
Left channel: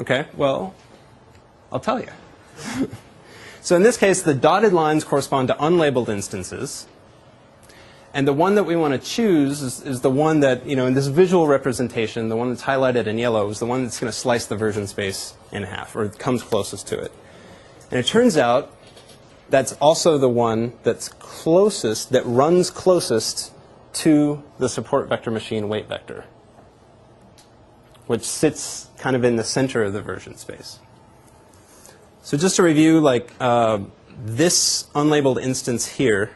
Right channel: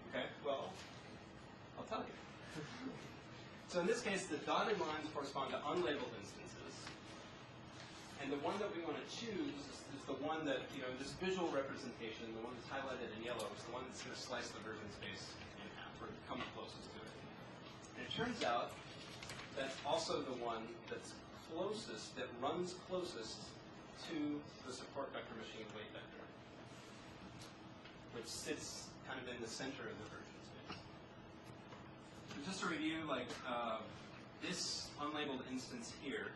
Okay, well, I'll tell you. So in this case, the dotted lines correspond to unlabeled instances. And the one that we want to choose is the one that, in this visual representation, the one that's highlighted in yellow is the one that's going to slice the version space in half, or comes closest to it. And it turns out that's also the one that's closest, that runs closest to the support vector machine weight vector, which sits kind of in the center of the version space. So just to review, this unlabeled instance here,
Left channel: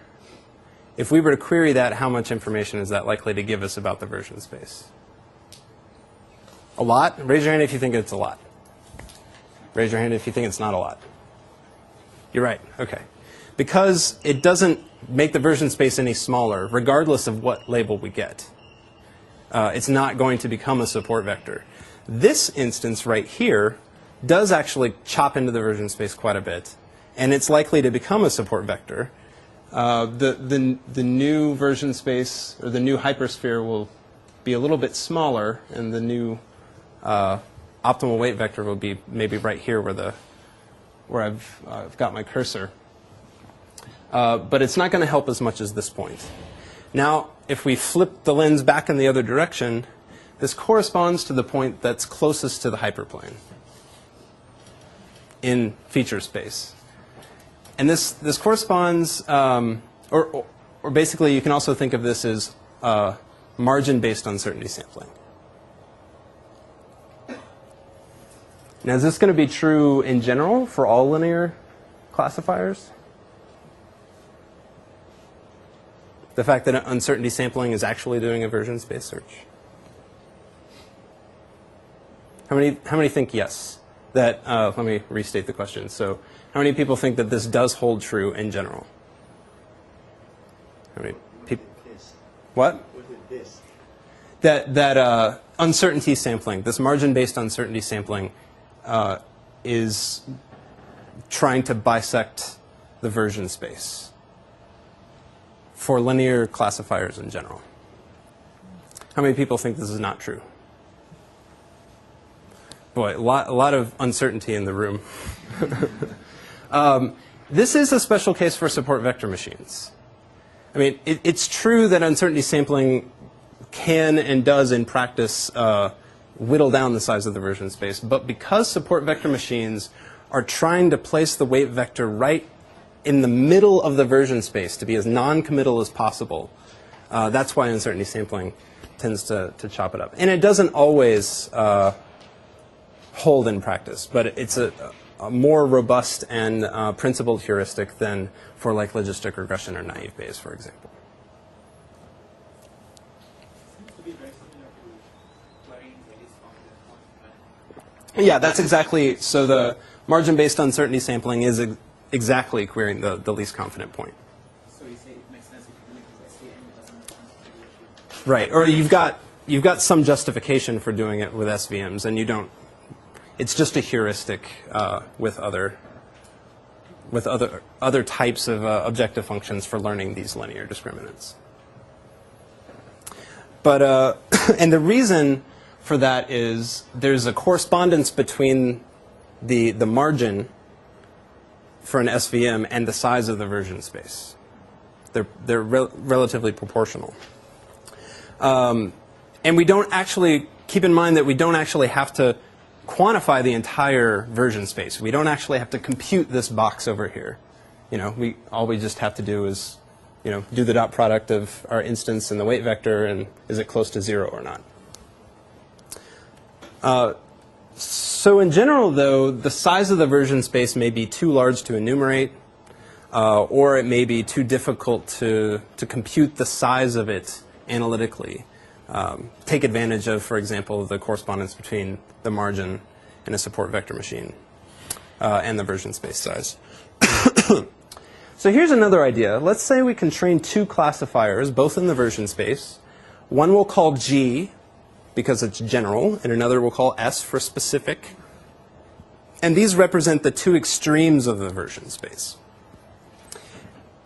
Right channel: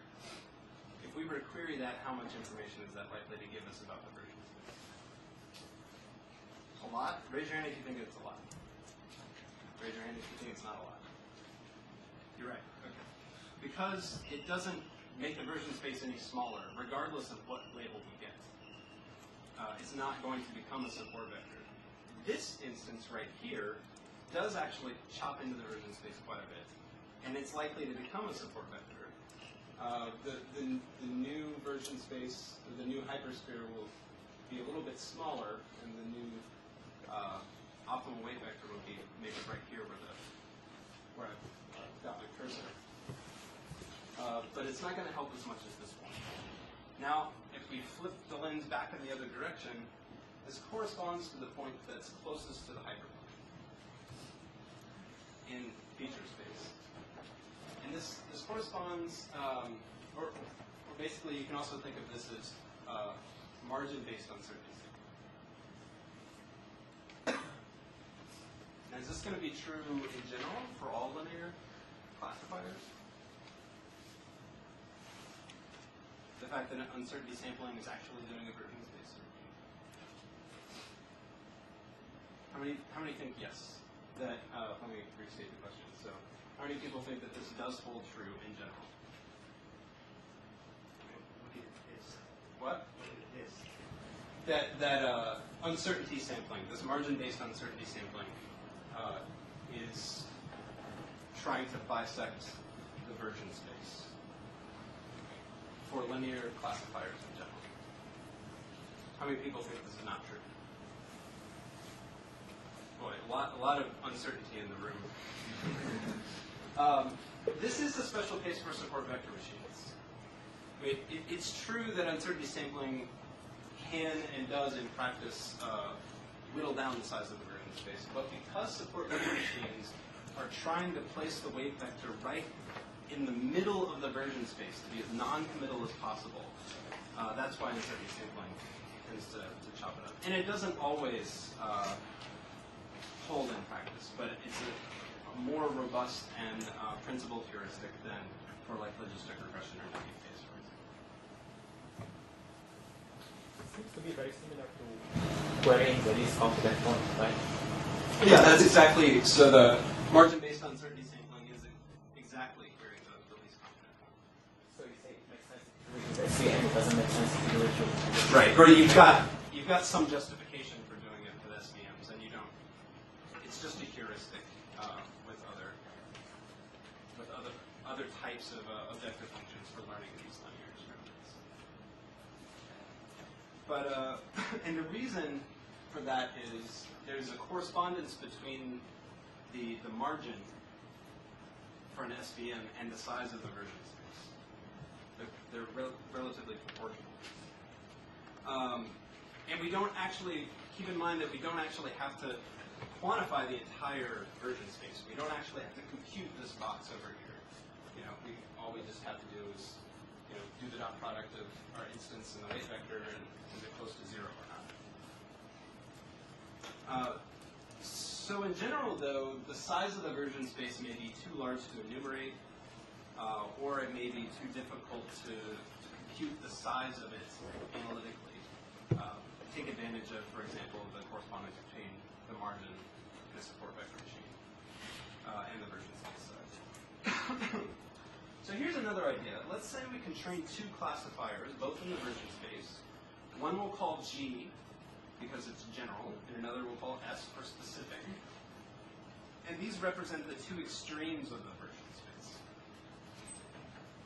if we were to query that, how much information is that likely to give us about the version space? A lot? Raise your hand if you think it's a lot. Raise your hand if you think it's not a lot. You're right. Okay. Because it doesn't make the version space any smaller, regardless of what label we get. It's not going to become a support vector. This instance right here does actually chop into the version space quite a bit, and it's likely to become a support vector. The new version space, or the new hypersphere, will be a little bit smaller, and the new optimal weight vector will be maybe right here where I've got my cursor. But it's not going to help as much as this point. Now, if we flip the lens back in the other direction, this corresponds to the point that's closest to the hyperplane in feature space. And this corresponds, or basically you can also think of this as margin-based uncertainty sampling. Now, is this going to be true in general for all linear classifiers? The fact that uncertainty sampling is actually doing a version space search? How many think yes? That, let me restate the question. So how many people think that this does hold true in general? How many people? What? That uncertainty sampling, this margin-based uncertainty sampling, is trying to bisect the version space for linear classifiers in general. How many people think this is not true? Boy, a lot of uncertainty in the room. This is a special case for support vector machines. I mean, it's true that uncertainty sampling can and does in practice whittle down the size of the version space, but because support vector machines are trying to place the weight vector right in the middle of the version space to be as non-committal as possible, that's why uncertainty sampling tends to chop it up. And it doesn't always hold in practice, but it's a more robust and principled heuristic than for like logistic regression or naive Bayes, for example. Querying the least confident one, right? Yeah, that's exactly, so the margin-based uncertainty sampling is exactly querying the least confident point. So you say it makes sense to do it with SVM, it doesn't make sense to do it with... Right, or you've got some justification for doing it with SVMs, and you don't, it's just a heuristic with other types of objective functions for learning these linear discriminants. But, and the reason for that is there's a correspondence between the margin for an SVM and the size of the version space. They're relatively proportional. And we don't actually, keep in mind that we don't actually have to quantify the entire version space. We don't actually have to compute this box over here. You know, all we just have to do is, you know, do the dot product of our instance and the weight vector, and is it close to 0 or not? So in general, though, the size of the version space may be too large to enumerate, or it may be too difficult to compute the size of it analytically. Take advantage of, for example, the correspondence between the margin in a support vector machine and the version space size. So here's another idea. Let's say we can train two classifiers, both in the version space. One we'll call G, because it's general, and another we'll call S for specific. And these represent the two extremes of the version space.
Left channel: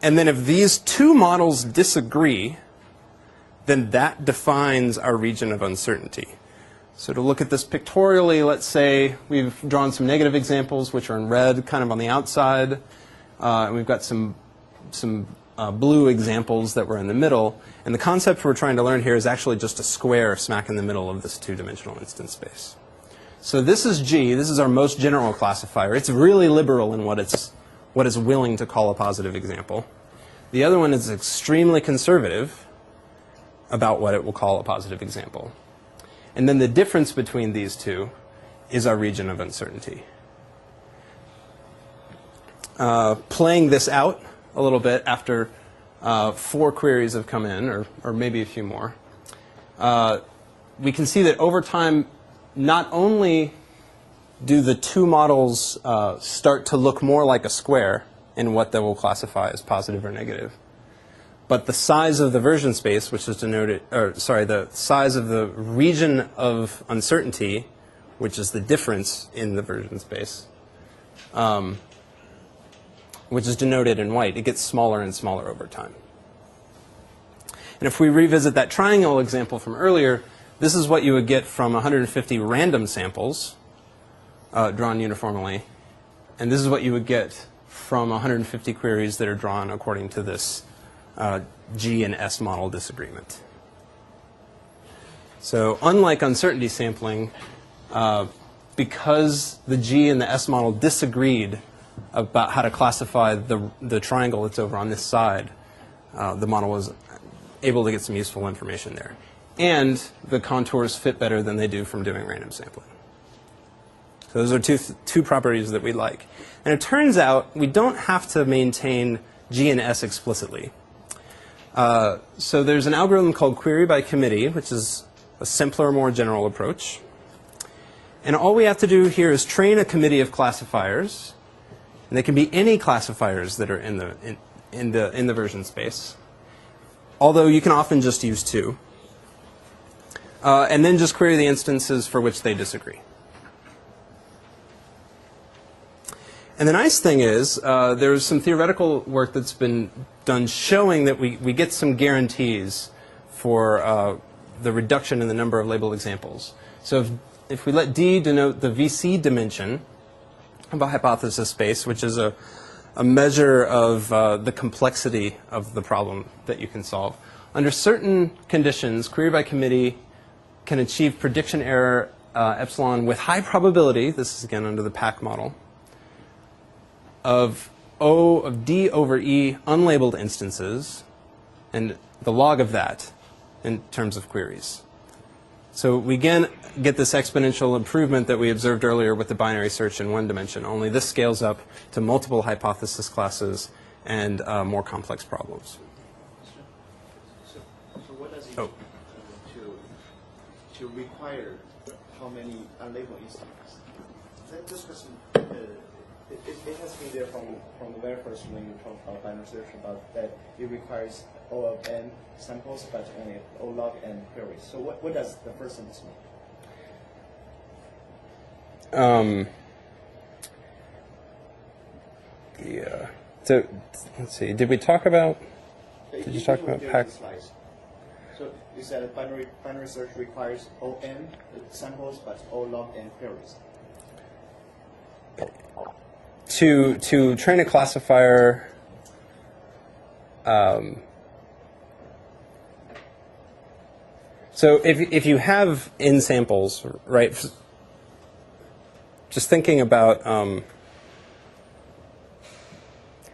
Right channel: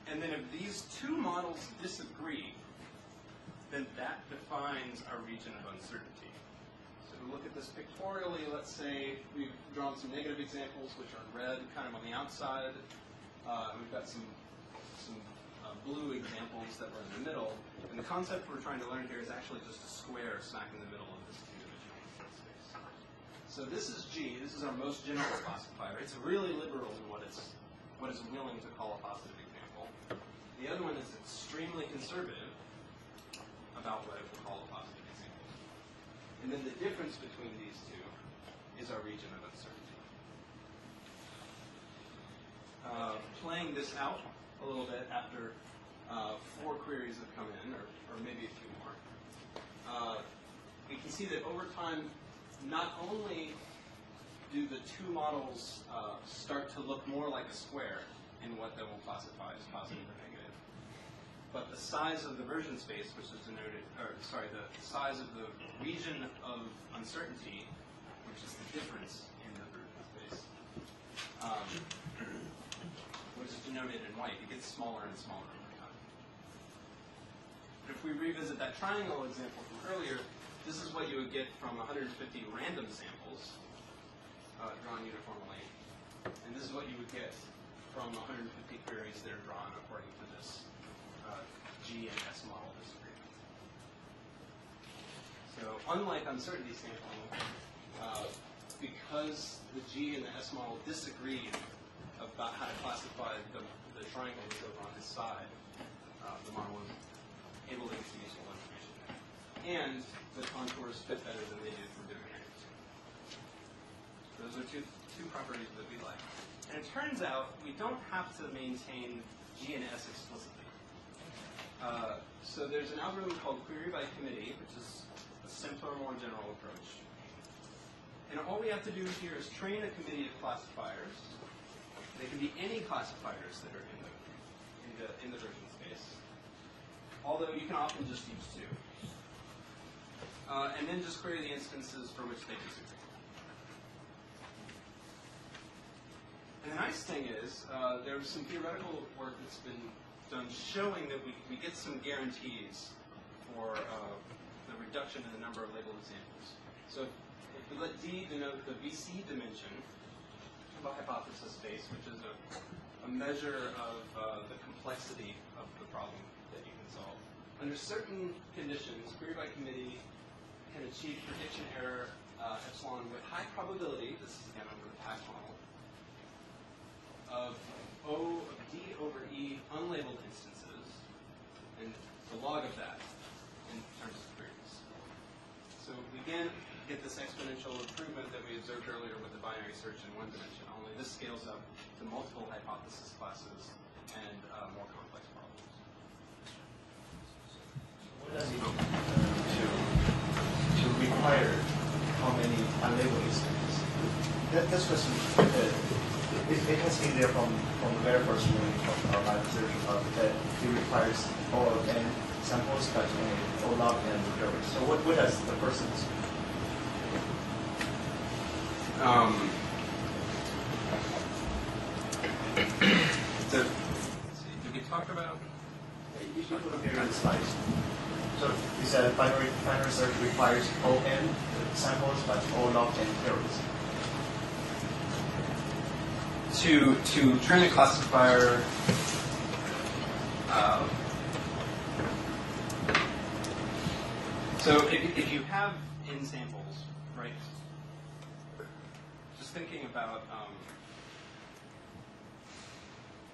And then if these two models disagree, then that defines our region of uncertainty. So to look at this pictorially, let's say we've drawn some negative examples, which are in red, kind of on the outside. And we've got some blue examples that were in the middle. And the concept we're trying to learn here is actually just a square smack in the middle of this two-dimensional instance space. So this is G. This is our most general classifier. It's really liberal in what it's willing to call a positive example. The other one is extremely conservative about what it will call a positive example. And then the difference between these two is our region of uncertainty. Playing this out a little bit after 4 queries have come in, or maybe a few more, we can see that over time, not only do the two models start to look more like a square in what they will classify as positive or negative, but the size of the version space, which is denoted, or sorry, the size of the region of uncertainty, which is the difference in the version space, which is denoted in white, it gets smaller and smaller over time. And if we revisit that triangle example from earlier, this is what you would get from 150 random samples drawn uniformly. And this is what you would get from 150 queries that are drawn according to this G and S model disagreement. So unlike uncertainty sampling, because the G and the S model disagreed about how to classify the triangle that's over on this side, the model was able to get some useful information there. And the contours fit better than they do from doing random sampling. So those are two properties that we like. And it turns out we don't have to maintain G and S explicitly. So there's an algorithm called query by committee, which is a simpler, more general approach. And all we have to do here is train a committee of classifiers. And they can be any classifiers that are in the version space, although you can often just use two. And then just query the instances for which they disagree. And the nice thing is there's some theoretical work that's been done showing that we get some guarantees for the reduction in the number of labeled examples. So if we let D denote the VC dimension of a hypothesis space, which is a measure of the complexity of the problem that you can solve, under certain conditions, query by committee can achieve prediction error epsilon with high probability, this is again under the PAC model, of O of D over E unlabeled instances, and the log of that in terms of queries. So we again get this exponential improvement that we observed earlier with the binary search in one dimension, only this scales up to multiple hypothesis classes and more complex problems. So what does it to require how many unlabeled instances? This question, it has been there from the very first one we talked about binary search, that it requires O of n samples, but only O log n queries. So what does the person do? So let's see. Did we talk about? Did you talk about PAC? So you said binary search requires O n samples, but O log n queries. To train a classifier, so if you have n samples, right? Just thinking about,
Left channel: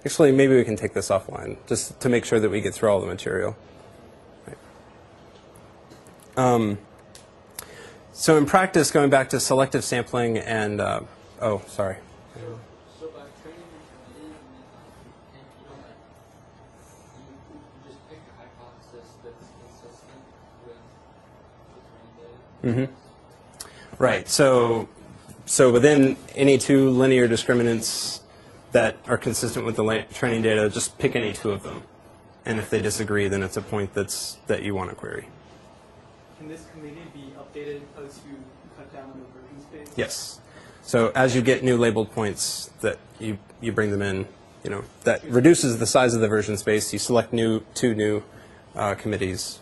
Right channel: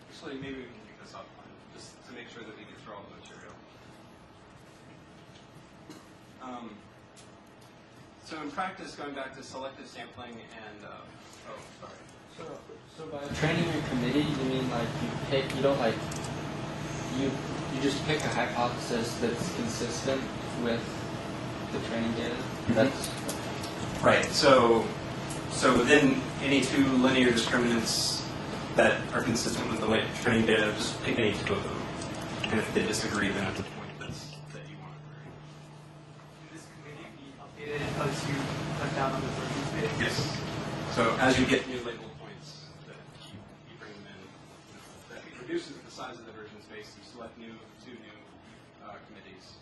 actually, maybe we can take this offline, just to make sure that we get through all the material. Right. So in practice, going back to selective sampling and, oh, sorry. So by training your committee, you mean like you don't like, you just pick a hypothesis that's consistent with the training data? Mm-hmm. Right. So within any two linear discriminants that are consistent with the training data, just pick any two of them. And if they disagree, then it's a point that you want to query. Can this committee be updated as you cut down on the version space? Yes. So as you get new labeled points that you bring them in, that reduces the size of the version space. You select two new committees,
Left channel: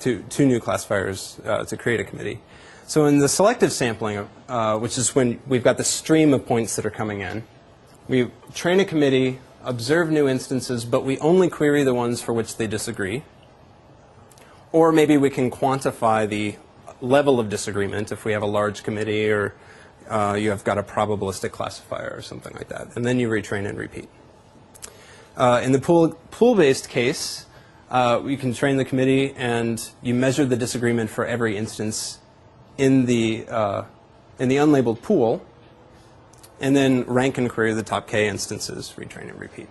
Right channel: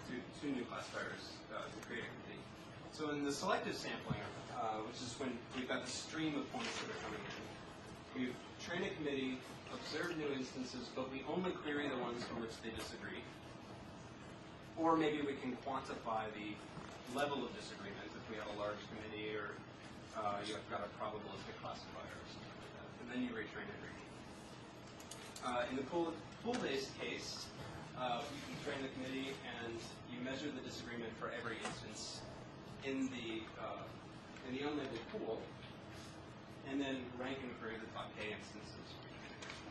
two new classifiers to create a committee. So in the selective sampling, which is when we've got the stream of points that are coming in, we train a committee, observe new instances, but we only query the ones for which they disagree. Or maybe we can quantify the level of disagreement if we have a large committee or you have got a probabilistic classifier or something like that. And then you retrain and repeat. In the pool-based case, you can train the committee and you measure the disagreement for every instance in the unlabeled pool, and then rank and query the top k instances, retrain and repeat.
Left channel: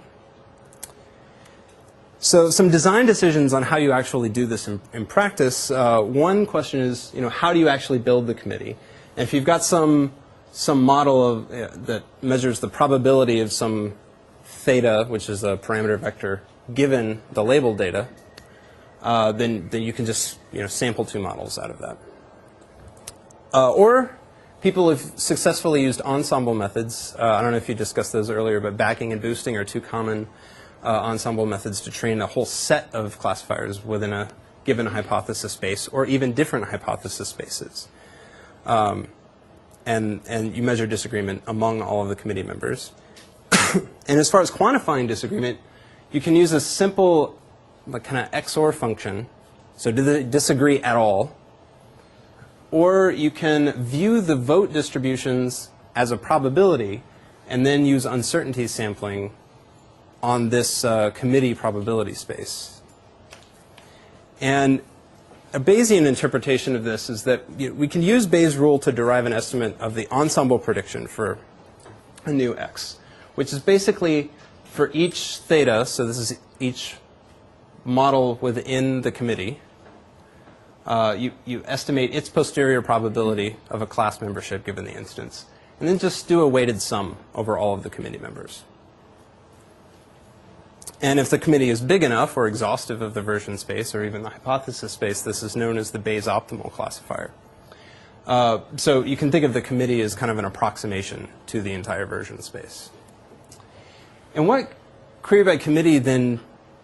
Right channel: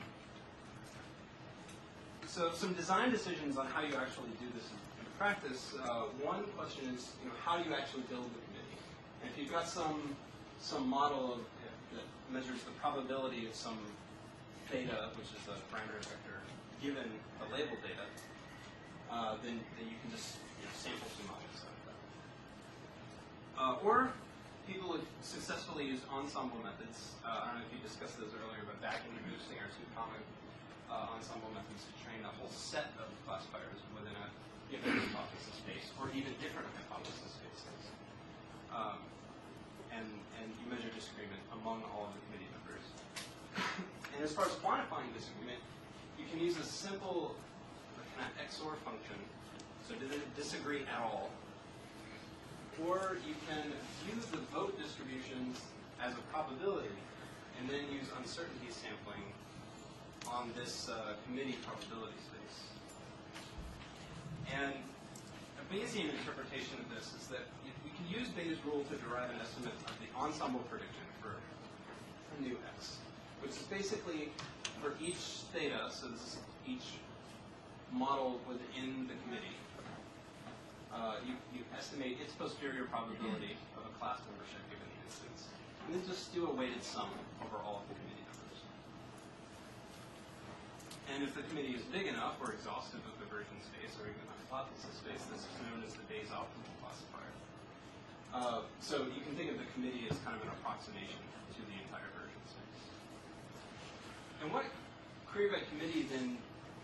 So some design decisions on how you actually do this in practice. One question is, how do you actually build the committee? And if you've got some model that measures the probability of some theta, which is a parameter vector, given the labeled data, then you can just sample two models out of that. Or people have successfully used ensemble methods. I don't know if you discussed those earlier, but backing and boosting are two common ensemble methods to train a whole set of classifiers within a given hypothesis space, or even different hypothesis spaces. And you measure disagreement among all of the committee members. And as far as quantifying disagreement, you can use a simple kind of XOR function. So do they disagree at all? Or you can view the vote distributions as a probability and then use uncertainty sampling on this committee probability space. And a Bayesian interpretation of this is that we can use Bayes' rule to derive an estimate of the ensemble prediction for a new x, which is basically for each theta, so this is each model within the committee, you estimate its posterior probability of a class membership given the instance, and then just do a weighted sum over all of the committee members. And if the committee is big enough or exhaustive of the version space or even the hypothesis space, this is known as the Bayes optimal classifier. So you can think of the committee as kind of an approximation to the entire version space. And what query by committee then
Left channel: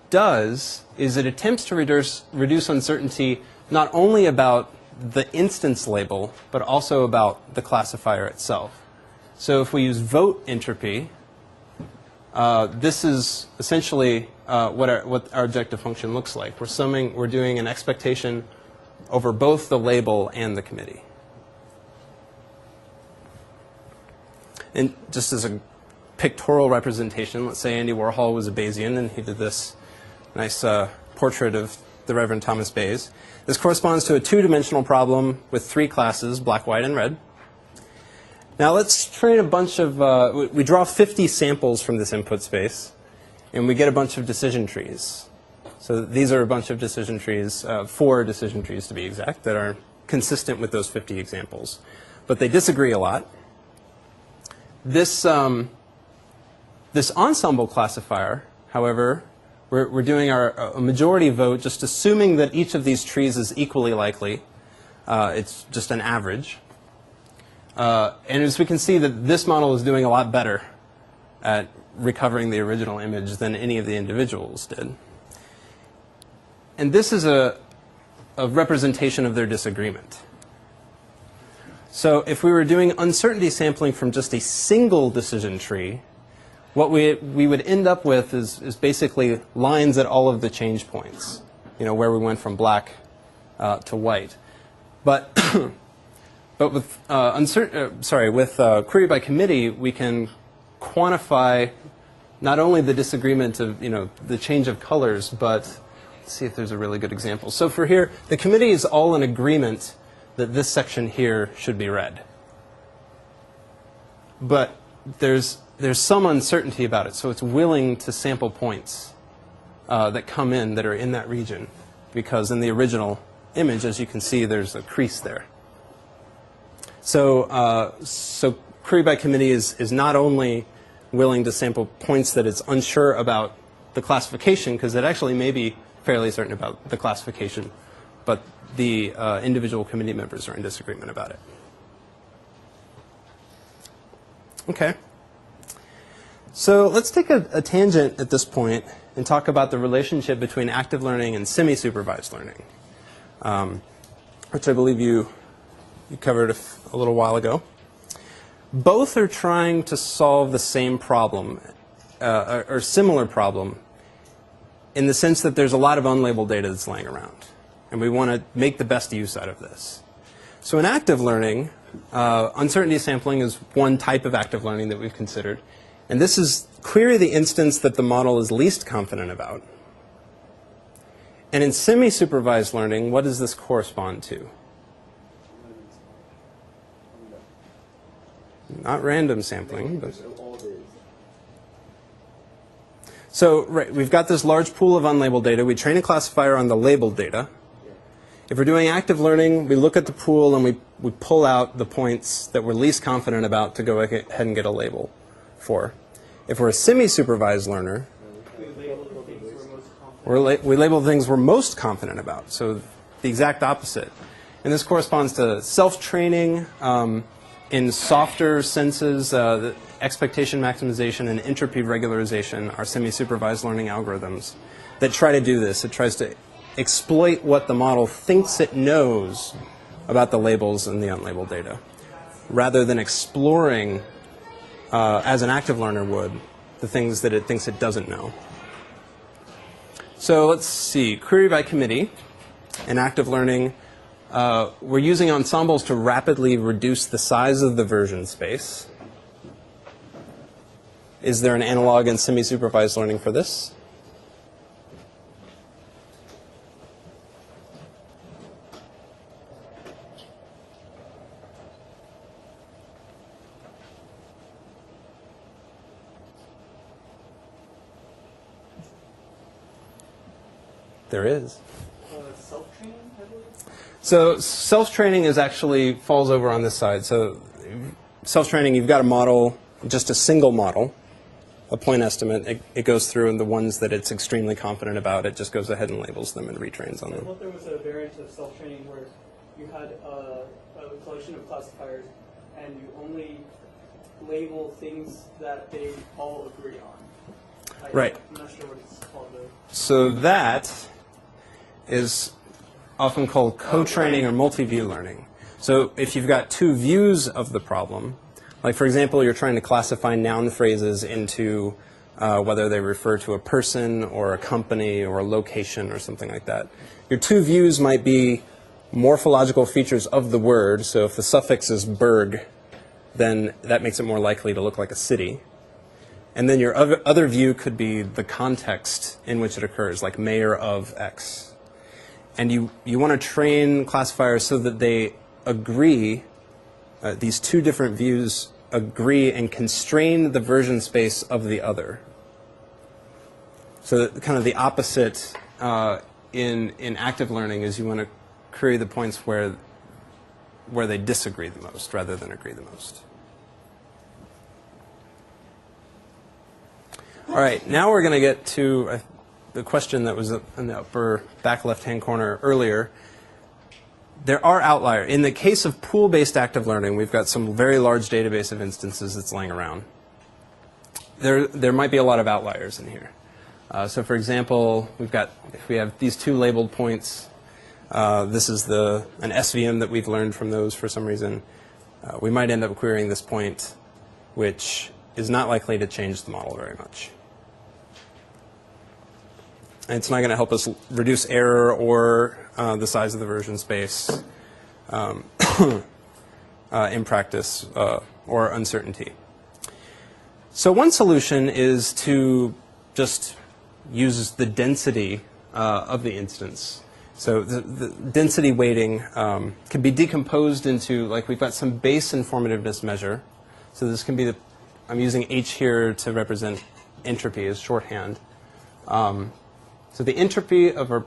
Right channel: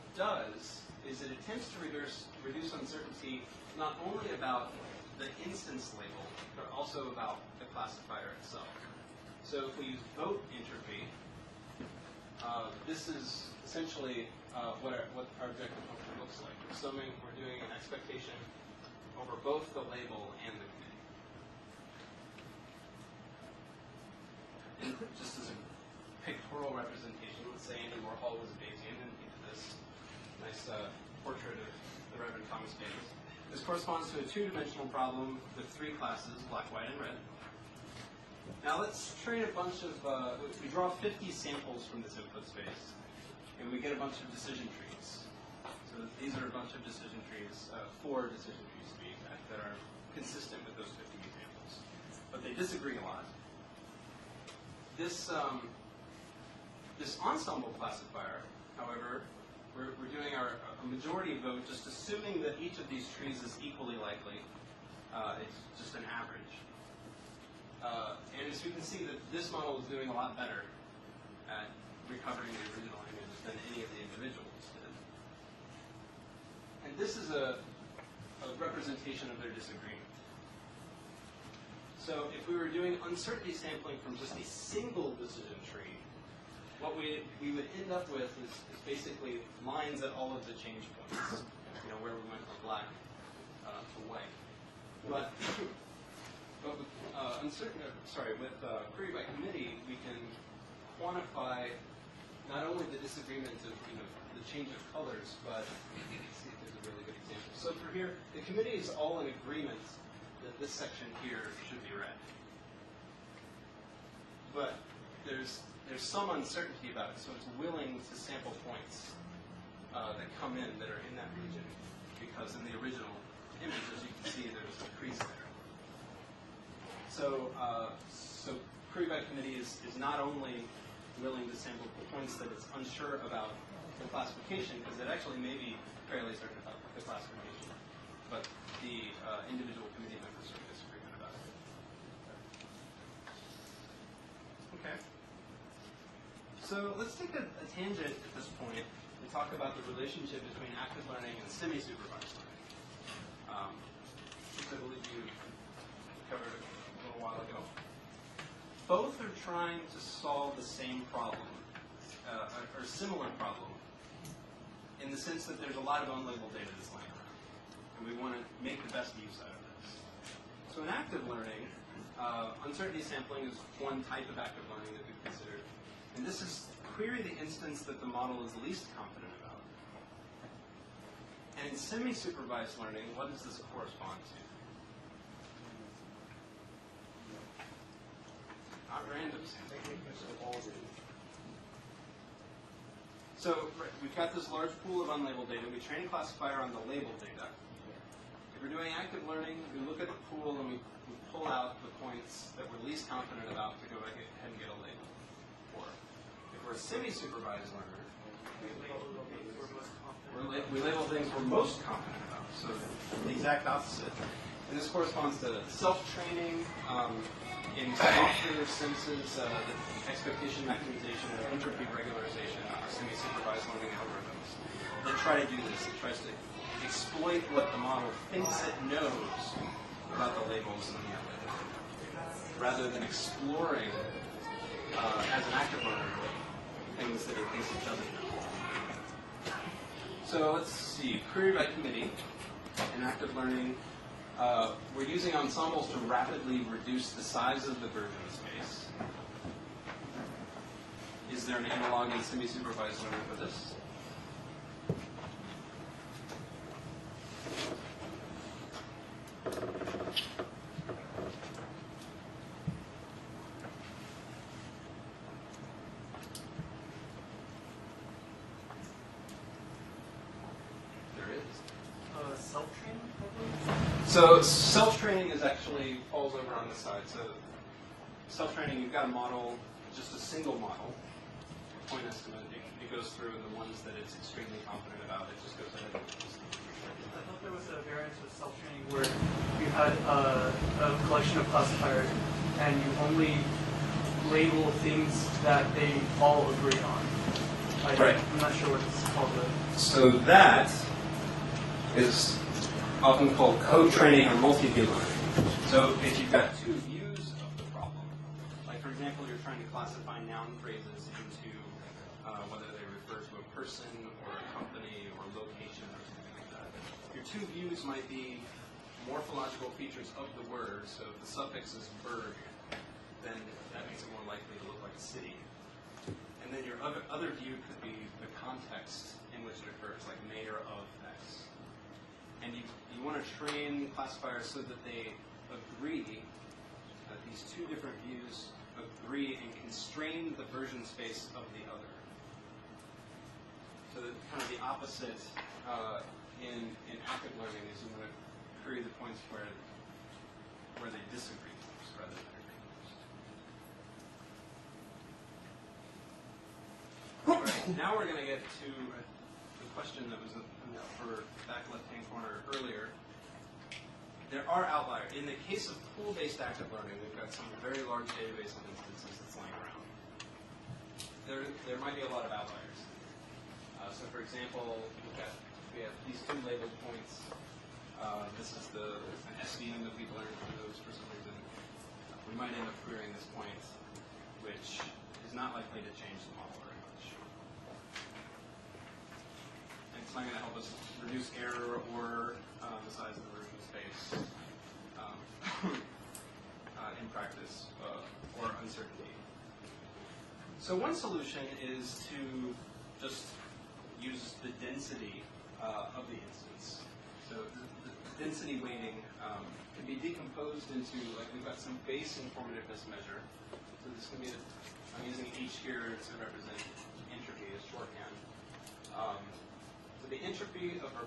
does is it attempts to reduce uncertainty not only about the instance label, but also about the classifier itself. So if we use vote entropy, this is essentially what our objective function looks like. We're doing an expectation over both the label and the committee. And just as a pictorial representation, let's say Andy Warhol was a Bayesian and he did this nice portrait of the Reverend Thomas Bayes. This corresponds to a two-dimensional problem with three classes, black, white, and red. Now let's train a bunch of, we draw 50 samples from this input space, and we get a bunch of decision trees. So these are a bunch of decision trees, 4 decision trees to be exact, that are consistent with those 50 examples. But they disagree a lot. This ensemble classifier, however, we're doing a majority vote just assuming that each of these trees is equally likely. It's just an average. And as we can see that this model is doing a lot better at recovering the original image than any of the individuals did. And this is a representation of their disagreement. So if we were doing uncertainty sampling from just a single decision tree, what we would end up with is basically lines at all of the change points, where we went from black to white. But with query by committee, we can quantify not only the disagreement of the change of colors, but let's see if there's a really good example. So for here, the committee is all in agreement that this section here should be red. But there's some uncertainty about it, so it's willing to sample points that come in that are in that region, because in the original image, as you can see, there's a crease there. So query by committee is not only willing to sample points that it's unsure about the classification, because it actually may be fairly certain about the classification, but the individual committee members are in disagreement about it. Okay. So let's take a tangent at this point and talk about the relationship between active learning and semi-supervised learning, which I believe you covered a little while ago. Both are trying to solve the same problem, or similar problem, in the sense that there's a lot of unlabeled data that's laying around, and we want to make the best use out of this. So in active learning, uncertainty sampling is one type of active learning that we've considered. And this is query the instance that the model is least confident about. And in semi-supervised learning, what does this correspond to? Not random sampling, but... So right, we've got this large pool of unlabeled data. We train a classifier on the labeled data. If we're doing active learning, we look at the pool and we pull out the points that we're least confident about to go ahead and get a label for. If we're a semi-supervised learner, we label things we're most confident about, so the exact opposite. And this corresponds to self-training in softer senses. The expectation maximization and entropy regularization are semi-supervised learning algorithms that try to do this. It tries to exploit what the model thinks it knows about the labels and the unlabeled data, rather than exploring, as an active learner would, the things that it thinks it doesn't know. So let's see, query by committee in active learning. We're using ensembles to rapidly reduce the size of the version space. Is there an analog in semi-supervised learning for this? There is. Self-training, I believe? So self-training is actually falls over on this side. So self-training, you've got a model, just a single model, a point estimate. It goes through, and the ones that it's extremely confident about, it just goes ahead and labels them and retrains on I them. thought there was a variant of self-training where you had a collection of classifiers and you only label things that they all agree on. Right. I'm not sure what it's called. So that is often called co-training or multi-view learning. So if you've got two views of the problem, like for example, you're trying to classify noun phrases into whether they refer to a person or a company or a location or something like that. Your two views might be morphological features of the word. So if the suffix is "berg," then that makes it more likely to look like a city. And then your other view could be the context in which it occurs, like mayor of X. And you want to train classifiers so that they agree, these two different views agree and constrain the version space of the other. So that kind of the opposite in active learning is you want to query the points where they disagree the most rather than agree the most. All right, now we're going to get to the question that was in the upper back left-hand corner earlier. There are outliers. In the case of pool-based active learning, we've got some very large database of instances that's laying around. There might be a lot of outliers in here. So for example, if we have these two labeled points, this is an SVM that we've learned from those for some reason. We might end up querying this point, which is not likely to change the model very much. And it's not going to help us reduce error or the size of the version space in practice or uncertainty. So one solution is to just use the density of the instance. So the density weighting can be decomposed into, like, we've got some base informativeness measure. So this can be I'm using H here to represent entropy as shorthand. So the entropy of our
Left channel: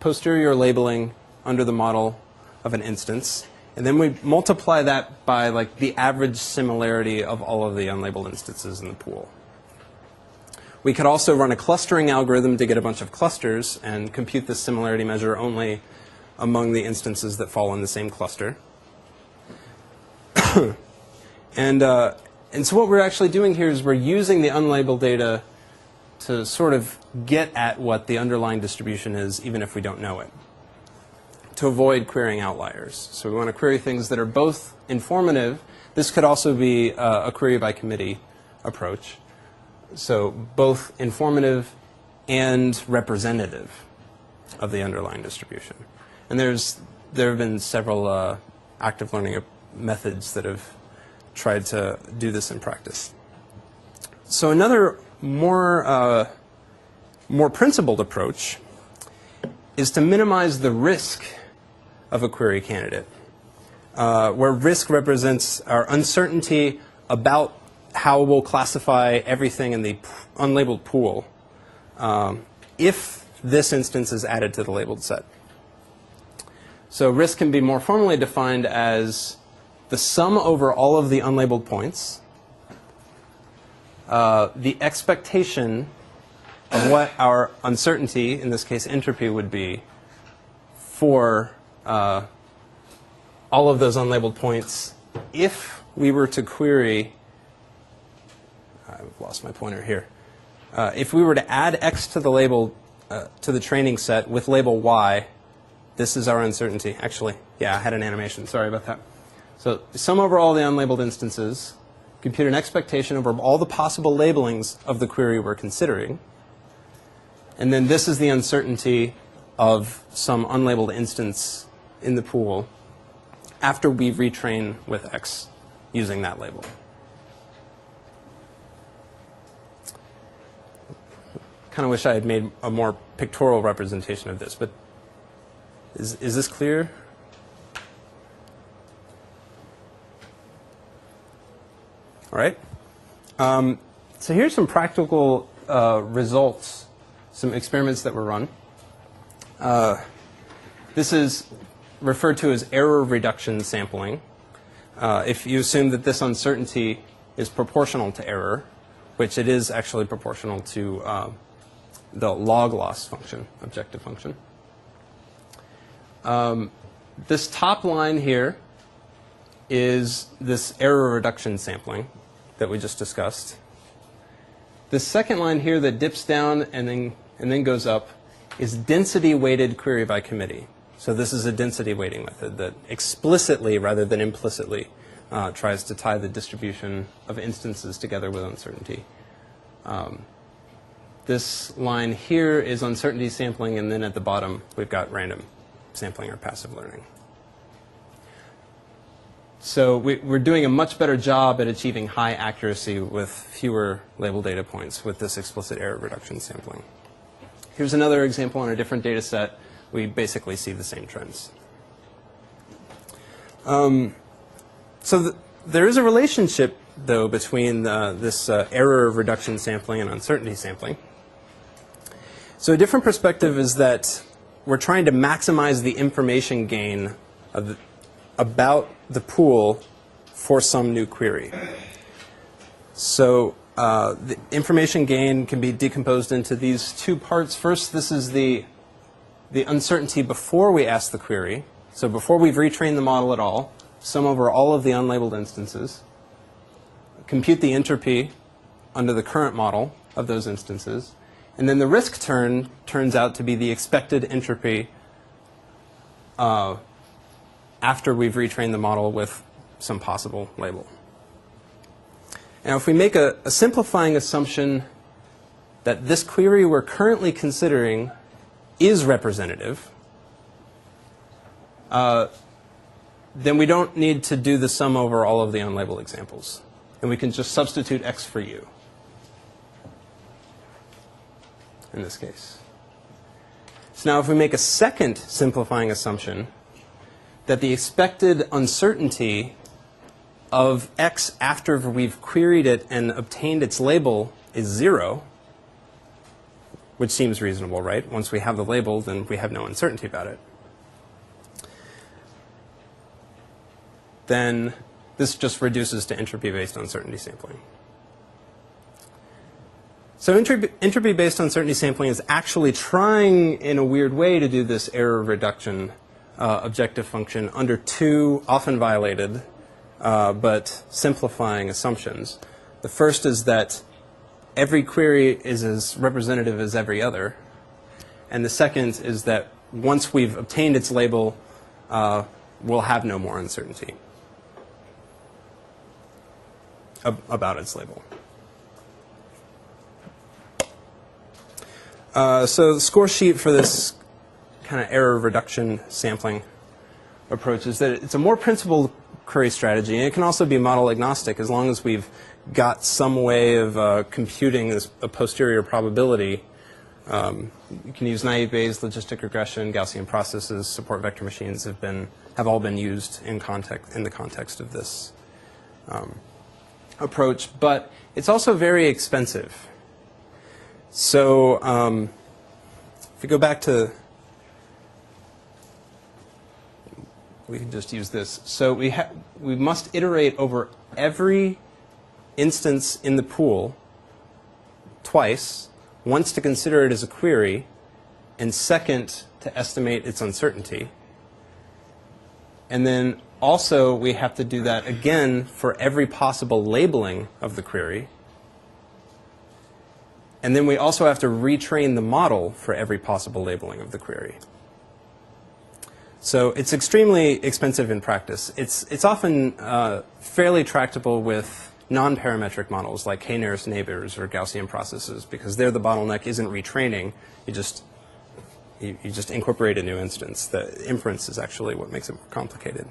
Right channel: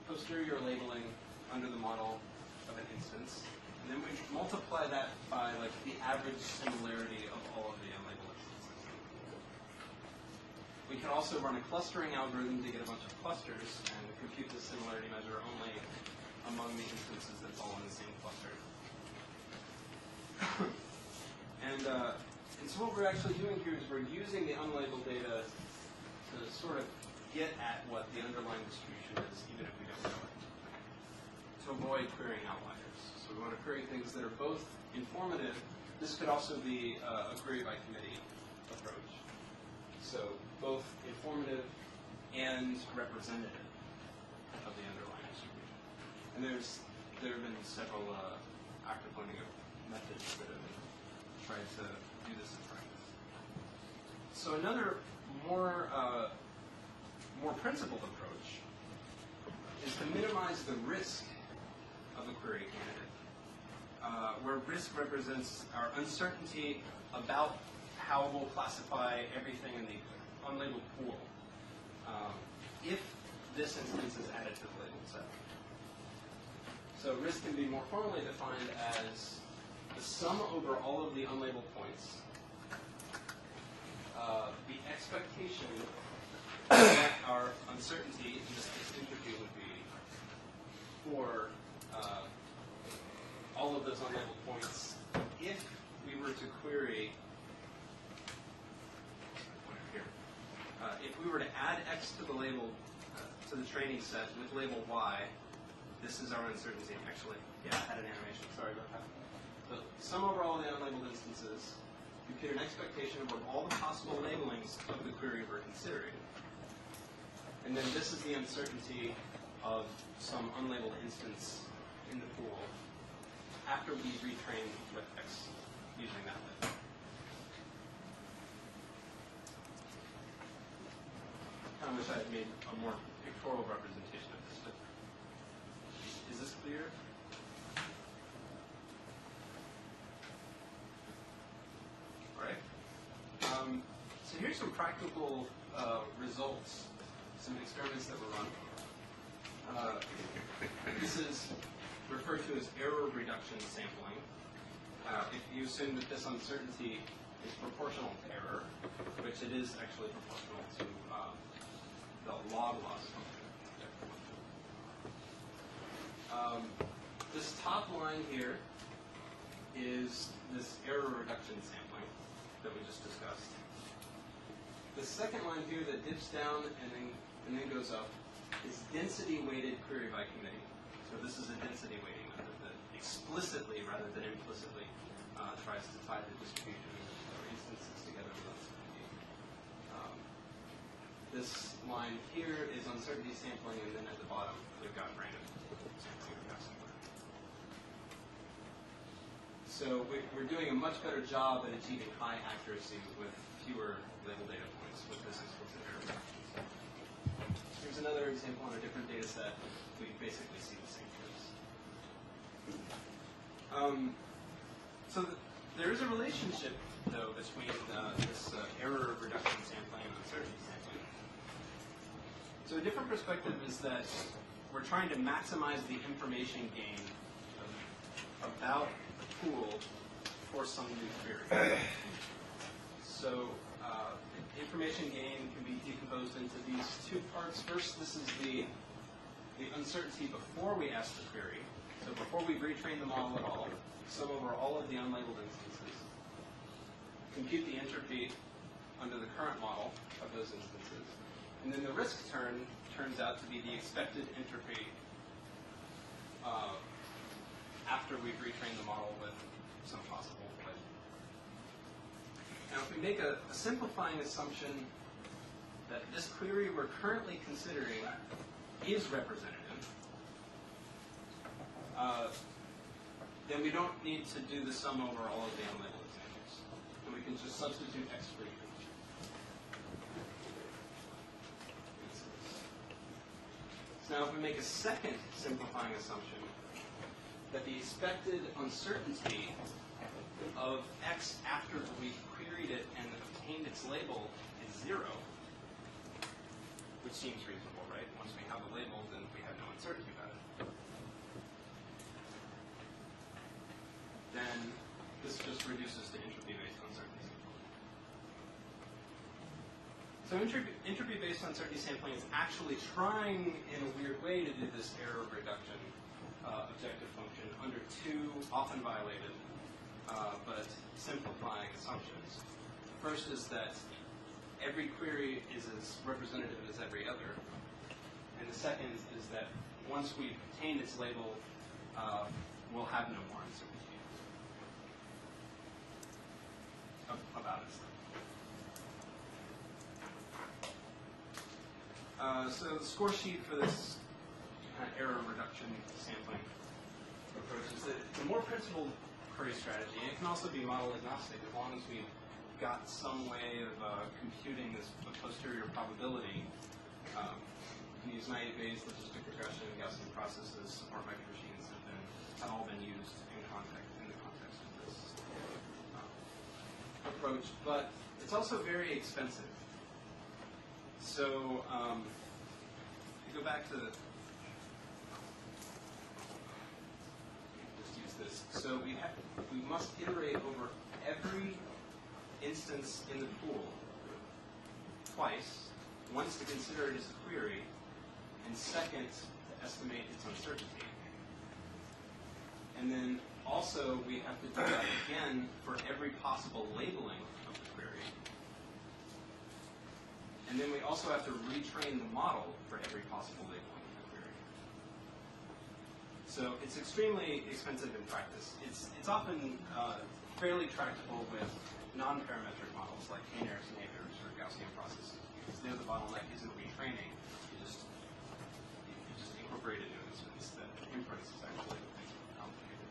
posterior labeling under the model of an instance. And then we multiply that by like the average similarity of all of the unlabeled instances in the pool. We could also run a clustering algorithm to get a bunch of clusters and compute this similarity measure only among the instances that fall in the same cluster. And so what we're actually doing here is we're using the unlabeled data to sort of get at what the underlying distribution is, even if we don't know it, to avoid querying outliers. So we want to query things that are both informative. This could also be a query by committee approach. So both informative and representative of the underlying distribution. And there have been several active learning methods that have tried to do this in practice. So another more principled approach is to minimize the risk of a query candidate, where risk represents our uncertainty about how we'll classify everything in the unlabeled pool if this instance is added to the labeled set. So risk can be more formally defined as the sum over all of the unlabeled points, the expectation of what our uncertainty, in this case entropy, would be for all of those unlabeled points if we were to query, I've lost my pointer here, if we were to add X to the label, to the training set with label Y, this is our uncertainty. Actually, yeah, I had an animation. Sorry about that. So sum over all the unlabeled instances, compute an expectation over all the possible labelings of the query we're considering, and then this is the uncertainty of some unlabeled instance in the pool after we retrain with X using that label. kind of wish I had made a more pictorial representation of this, but is this clear? All right. So here's some practical results, some experiments that were run. This is referred to as error reduction sampling. If you assume that this uncertainty is proportional to error, which it is actually proportional to the log loss function, objective function. This top line here is this error reduction sampling that we just discussed. The second line here that dips down and then goes up is density weighted query by committee. So this is a density weighting method that explicitly rather than implicitly tries to tie the distribution of instances together with uncertainty. This line here is uncertainty sampling, and then at the bottom we've got random sampling or passive learning. So we're doing a much better job at achieving high accuracy with fewer label data points with this explicit error reduction sampling. Here's another example on a different data set. We basically see the same trends. There is a relationship, though, between this error reduction sampling and uncertainty sampling. So a different perspective is that we're trying to maximize the information gain about the pool for some new query. So the information gain can be decomposed into these two parts. First, this is the uncertainty before we ask the query. So before we've retrained the model at all, sum over all of the unlabeled instances, compute the entropy under the current model of those instances, and then the risk turns out to be the expected entropy after we've retrained the model with some possible label. Now, if we make a simplifying assumption that this query we're currently considering is representative, then we don't need to do the sum over all of the unlabeled examples. And we can just substitute x for u in this case. So now if we make a second simplifying assumption that the expected uncertainty of x after we've queried it and obtained its label is 0, which seems reasonable, right? Once we have the label, then we have no uncertainty about it. Then this just reduces to entropy-based uncertainty sampling. So entropy-based uncertainty sampling is actually trying, in a weird way, to do this error reduction objective function under two often violated but simplifying assumptions. The first is that every query is as representative as every other. And the second is that once we've obtained its label, we'll have no more uncertainty about its label. So the score sheet for this kind of error reduction sampling approach is that it's a more principled query strategy, and it can also be model agnostic as long as we've got some way of computing a posterior probability. You can use naive Bayes, logistic regression, Gaussian processes, support vector machines have all been used in the context of this approach, but it's also very expensive. So if we go back to, we can just use this. So we must iterate over every instance in the pool twice, once to consider it as a query, and second to estimate its uncertainty. And then also we have to do that again for every possible labeling of the query. And then we also have to retrain the model for every possible labeling of the query. So it's extremely expensive in practice. It's often fairly tractable with non-parametric models like k-nearest neighbors or Gaussian processes, because there the bottleneck isn't retraining. You just incorporate a new instance. The inference is actually what makes it more complicated.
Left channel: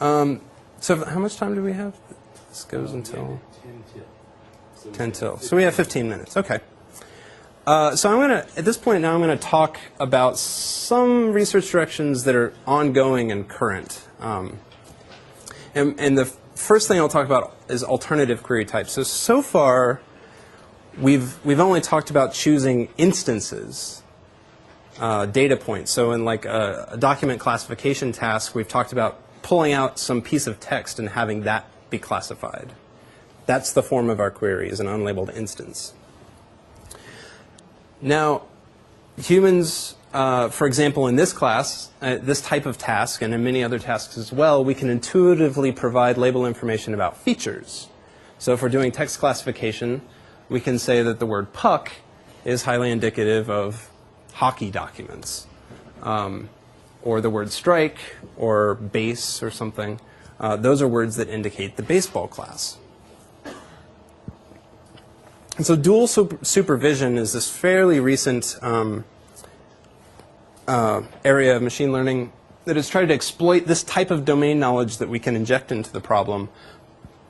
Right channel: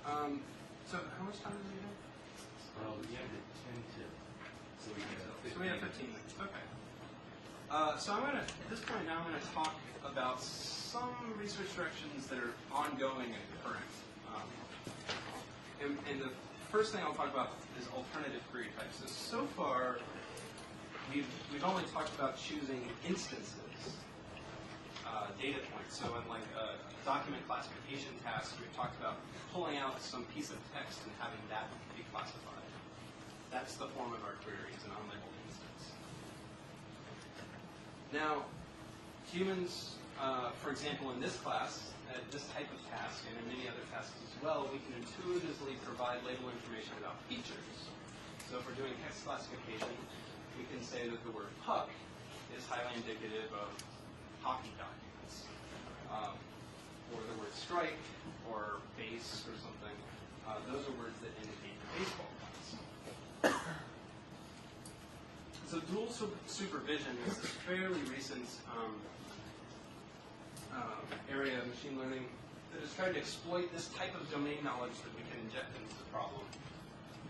So how much time do we have? This goes until... 10 till. So we have 15 minutes. Okay. So I'm going to, at this point now, I'm going to talk about some research directions that are ongoing and current. And the first thing I'll talk about is alternative query types. So far, we've only talked about choosing instances, data points. So in like a document classification task, we've talked about pulling out some piece of text and having that be classified. That's the form of our query, is an unlabeled instance. Now, humans, for example, in this class, this type of task, and in many other tasks as well, we can intuitively provide label information about features. So if we're doing text classification, we can say that the word puck is highly indicative of hockey documents. Or the word strike, or base, or something. Those are words that indicate the baseball class. And so dual supervision is this fairly recent area of machine learning that has tried to exploit this type of domain knowledge that we can inject into the problem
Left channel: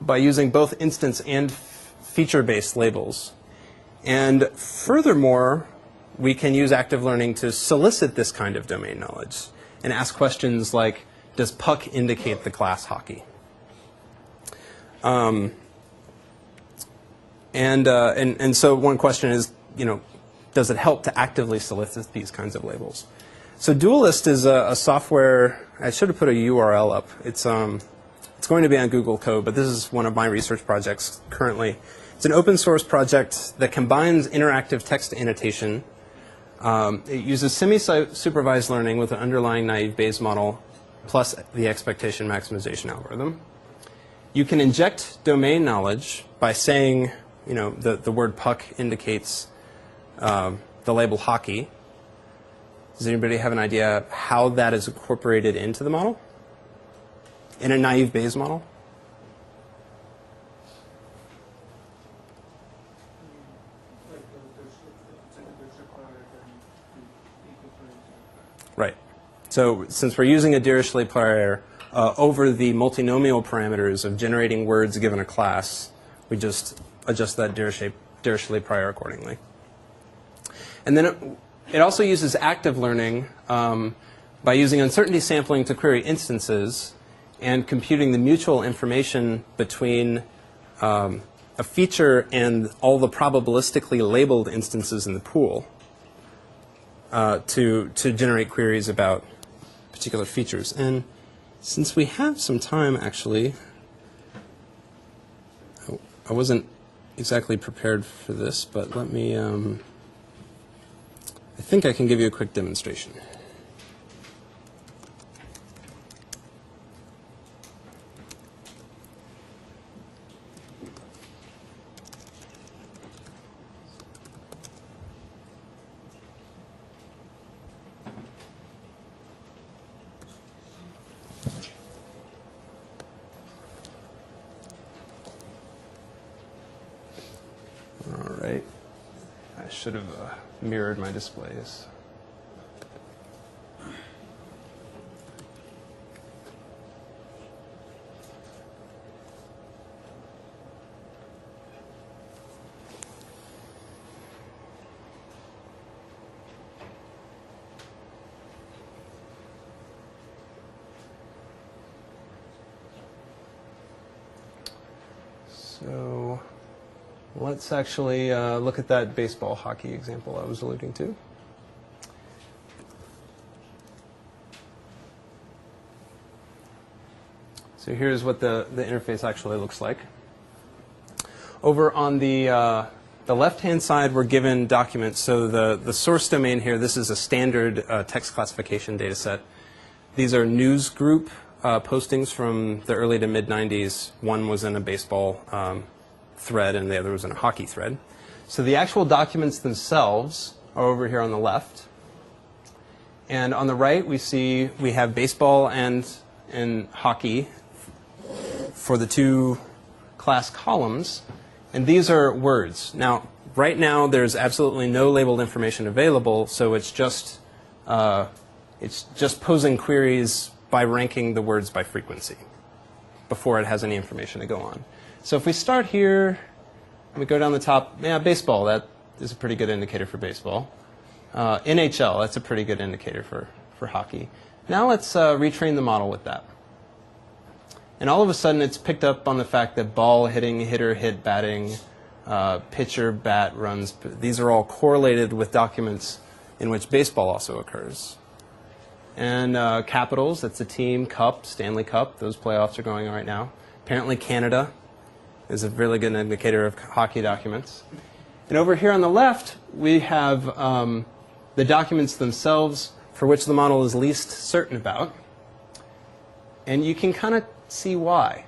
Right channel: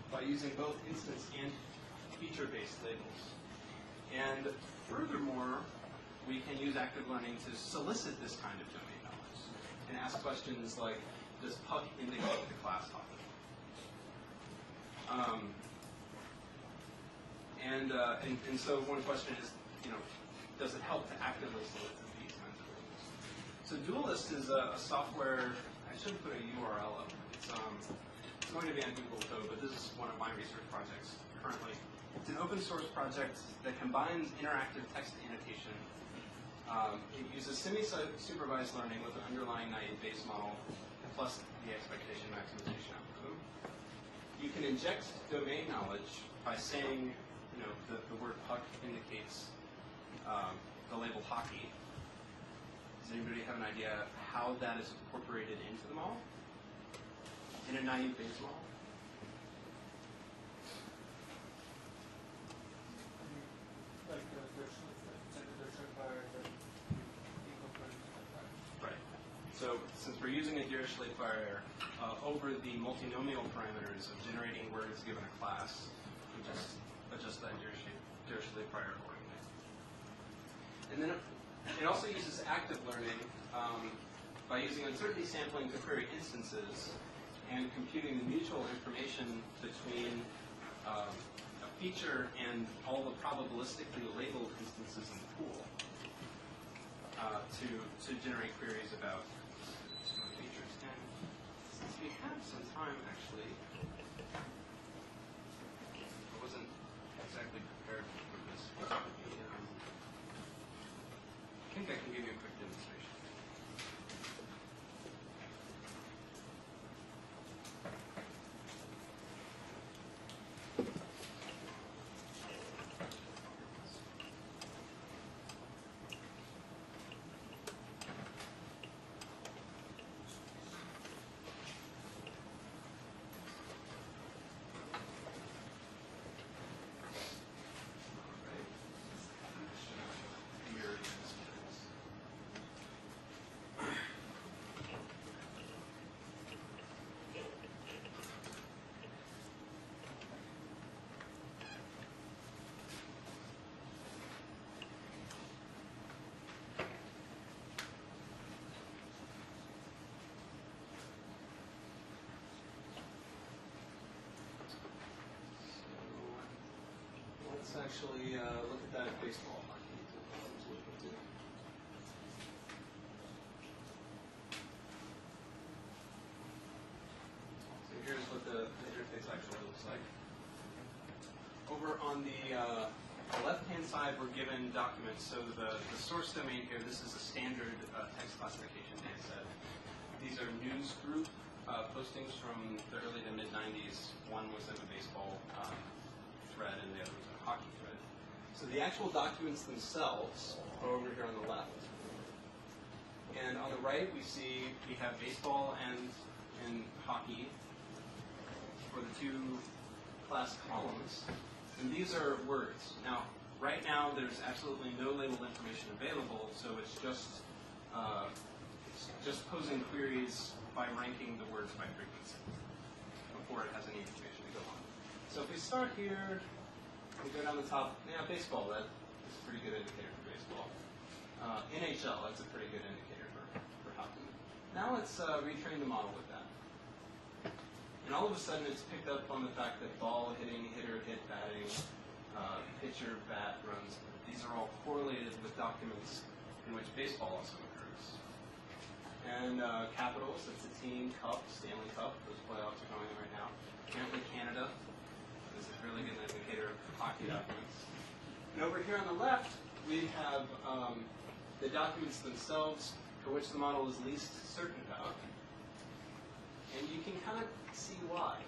by using both instance and feature-based labels. And furthermore, we can use active learning to solicit this kind of domain knowledge and ask questions like, does puck indicate the class hockey? And so one question is, does it help to actively solicit these kinds of labels? So Dualist is a software. I should have put a URL up. It's going to be on Google Code, but this is one of my research projects currently. It's an open source project that combines interactive text annotation. It uses semi-supervised learning with an underlying naive Bayes model plus the expectation maximization algorithm. You can inject domain knowledge by saying, the word puck indicates the label hockey. Does anybody have an idea how that is incorporated into the model? In a naive Bayes model? Right. So since we're using a Dirichlet prior over the multinomial parameters of generating words given a class, we just adjust that Dirichlet prior accordingly. And then it also uses active learning by using uncertainty sampling to query instances and computing the mutual information between a feature and all the probabilistically labeled instances in the pool to generate queries about particular features. And since we have some time, actually, I wasn't exactly prepared for this, but let me, I think I can give you a quick demonstration. Should have mirrored my displays. So let's actually look at that baseball hockey example I was alluding to. So here's what the interface actually looks like. Over on the left-hand side, we're given documents. So the source domain here, this is a standard text classification data set. These are news group postings from the early to mid-90s. One was in a baseball thread and the other was in a hockey thread. So the actual documents themselves are over here on the left. And on the right, we have baseball and hockey for the two class columns. And these are words. Now, right now, there's absolutely no labeled information available, so it's just posing queries by ranking the words by frequency before it has any information to go on. So if we start here, we go down the top. Yeah, baseball, that is a pretty good indicator for baseball. NHL, that's a pretty good indicator for hockey. Now let's retrain the model with that. And all of a sudden it's picked up on the fact that ball hitting, hitter hit, batting, pitcher, bat, runs, these are all correlated with documents in which baseball also occurs. And Capitals, that's a team, Cup, Stanley Cup, those playoffs are going on right now. Apparently Canada is a really good indicator of hockey documents. And over here on the left, we have the documents themselves for which the model is least certain about. And you can kind of see why.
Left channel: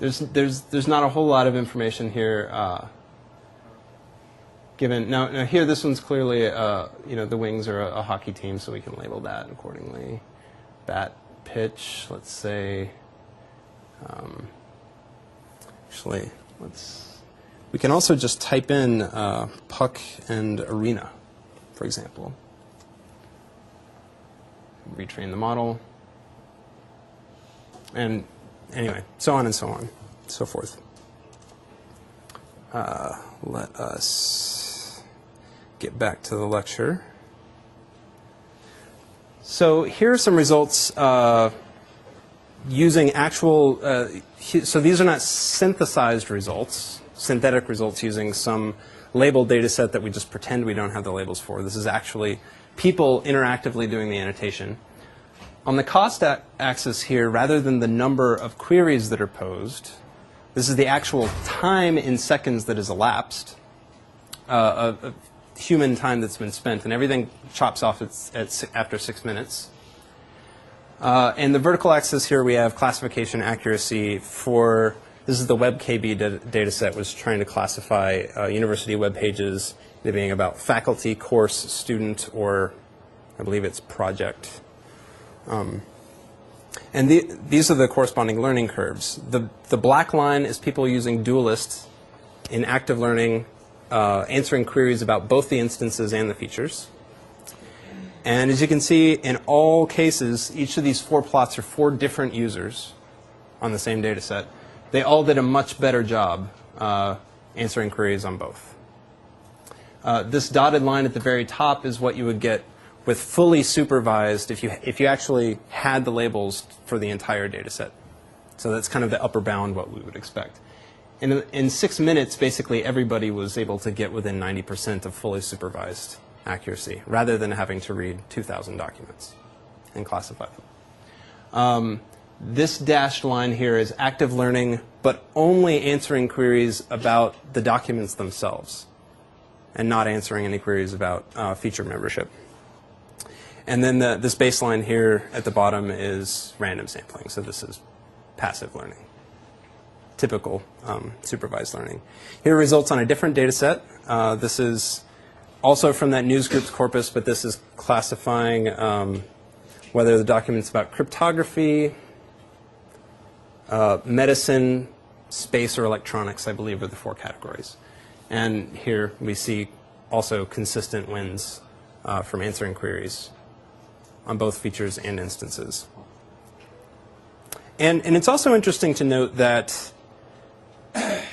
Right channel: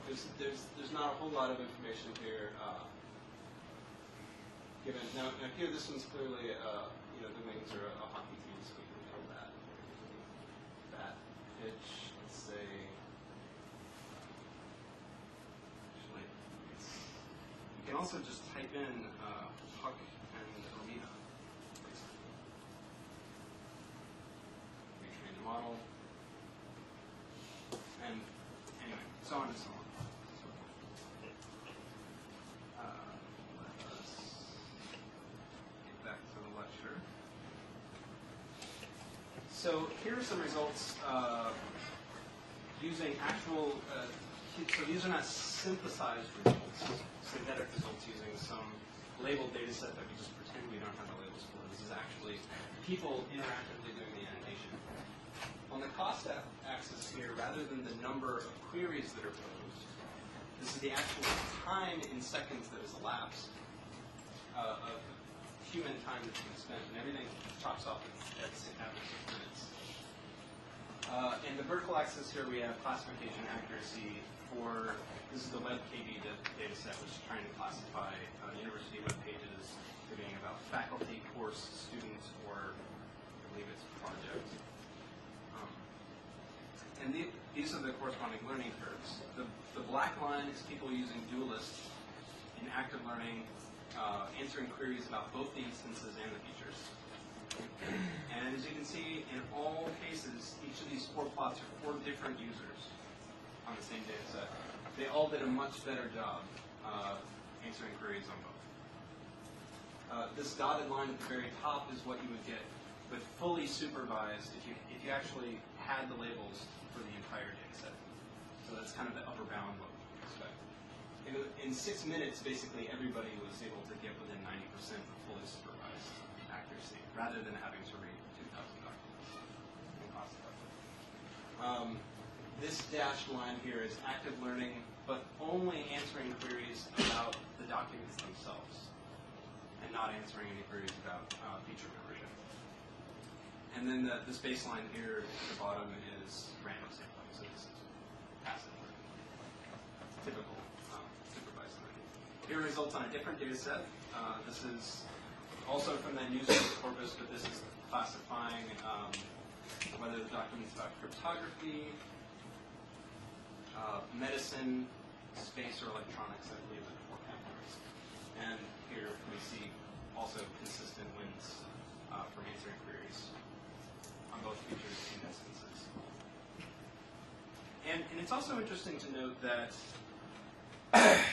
There's not a whole lot of information here given. Now here, this one's clearly, the Wings are a hockey team, so we can label that accordingly. Bat, pitch, let's say, actually, we can also just type in puck and arena, for example. Retrain the model. And anyway, so on and so on, so forth. Let us get back to the lecture. So here are some results using actual, so these are not synthesized results, synthetic results using some labeled data set that we just pretend we don't have the labels for. This is actually people interactively doing the annotation. On the cost axis here, rather than the number of queries that are posed, this is the actual time in seconds that has elapsed, of human time that's been spent, and everything chops off after 6 minutes. And the vertical axis here, we have classification accuracy for, this is the WebKB data set, was trying to classify university web pages, they being about faculty, course, student, or I believe it's project. And these are the corresponding learning curves. The black line is people using Dualist in active learning, answering queries about both the instances and the features. And as you can see, in all cases, each of these 4 plots are 4 different users on the same data set. They all did a much better job answering queries on both. This dotted line at the very top is what you would get with fully supervised if you actually had the labels for the entire data set. So that's kind of the upper bound what we would expect. In 6 minutes, basically everybody was able to get within 90% of fully supervised accuracy, rather than having to read 2,000 documents and classify them. This dashed line here is active learning, but only answering queries about the documents themselves, and not answering any queries about feature membership. And then this baseline here at the bottom is random sampling. So this is passive learning, typical supervised learning. Here are results on a different data set. This is also from that news groups corpus, but this is classifying whether the document's about cryptography, medicine, space, or electronics, I believe, are the 4 categories. And here we see also consistent wins from answering queries on both features and instances. And it's also interesting to note that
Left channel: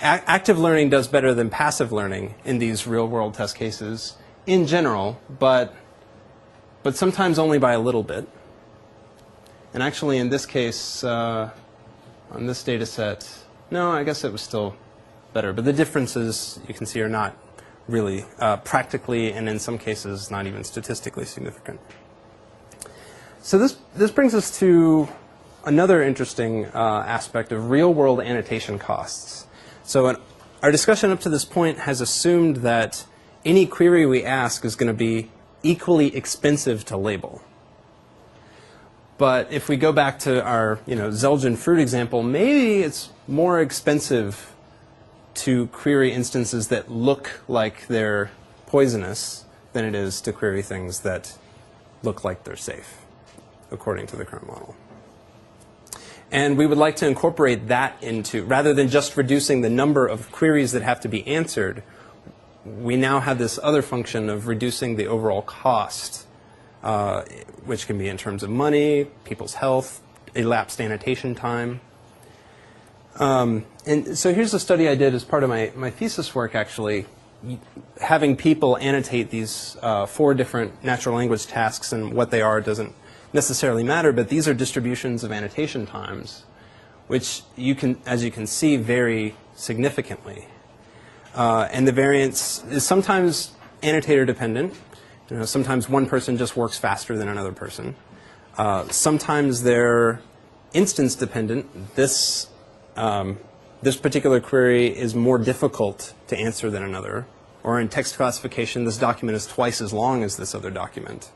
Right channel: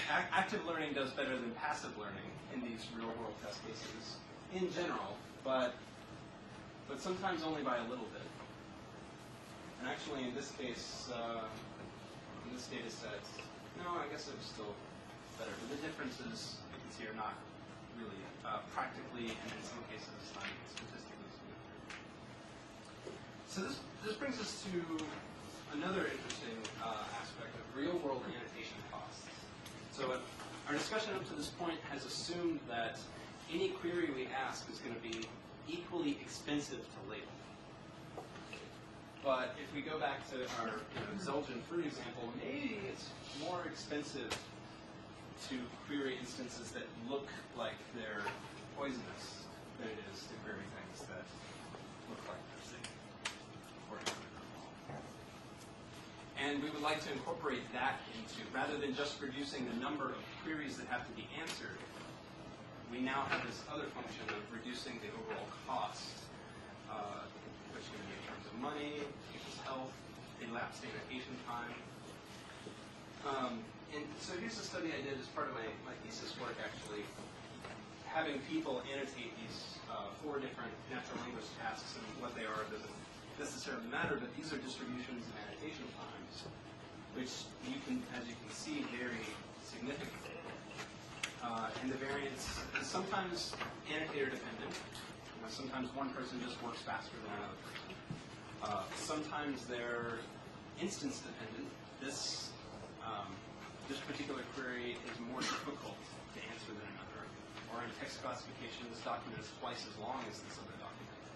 active learning does better than passive learning in these real-world test cases in general, but sometimes only by a little bit. And actually, in this case, on this data set, no, I guess it was still better. But the differences, you can see, are not really practically, and in some cases, not even statistically significant. So this brings us to another interesting aspect of real-world annotation costs. So our discussion up to this point has assumed that any query we ask is going to be equally expensive to label. But if we go back to our Zelgin fruit example, maybe it's more expensive to query instances that look like they're poisonous than it is to query things that look like they're safe, according to the current model. And we would like to incorporate that into, rather than just reducing the number of queries that have to be answered, we now have this other function of reducing the overall cost, which can be in terms of money, people's health, elapsed annotation time. And so here's a study I did as part of my thesis work, actually, having people annotate these 4 different natural language tasks, and what they are doesn't necessarily matter, but these are distributions of annotation times, which you can, as you can see, vary significantly. And the variance is sometimes annotator dependent. You know, sometimes one person just works faster than another person. Sometimes they're instance dependent. This particular query is more difficult to answer than another. Or in text classification, this document is twice as long as this other document.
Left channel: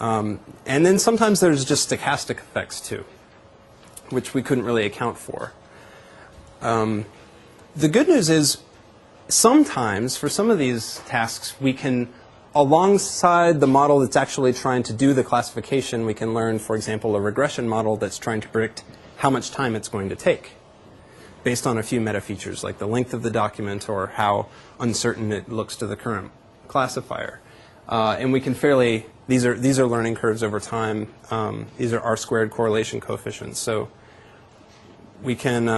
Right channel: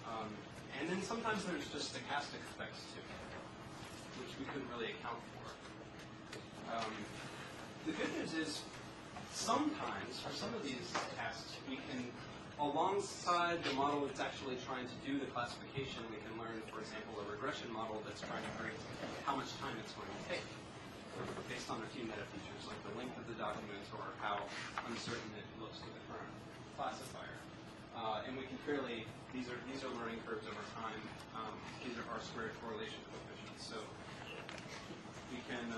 And then sometimes there's just stochastic effects too, which we couldn't really account for. The good news is sometimes, for some of these tasks, we can, alongside the model that's actually trying to do the classification, we can learn, for example, a regression model that's trying to predict how much time it's going to take, based on a few meta features like the length of the document or how uncertain it looks to the current classifier. And we can fairly, these are learning curves over time. These are R-squared correlation coefficients. So we can,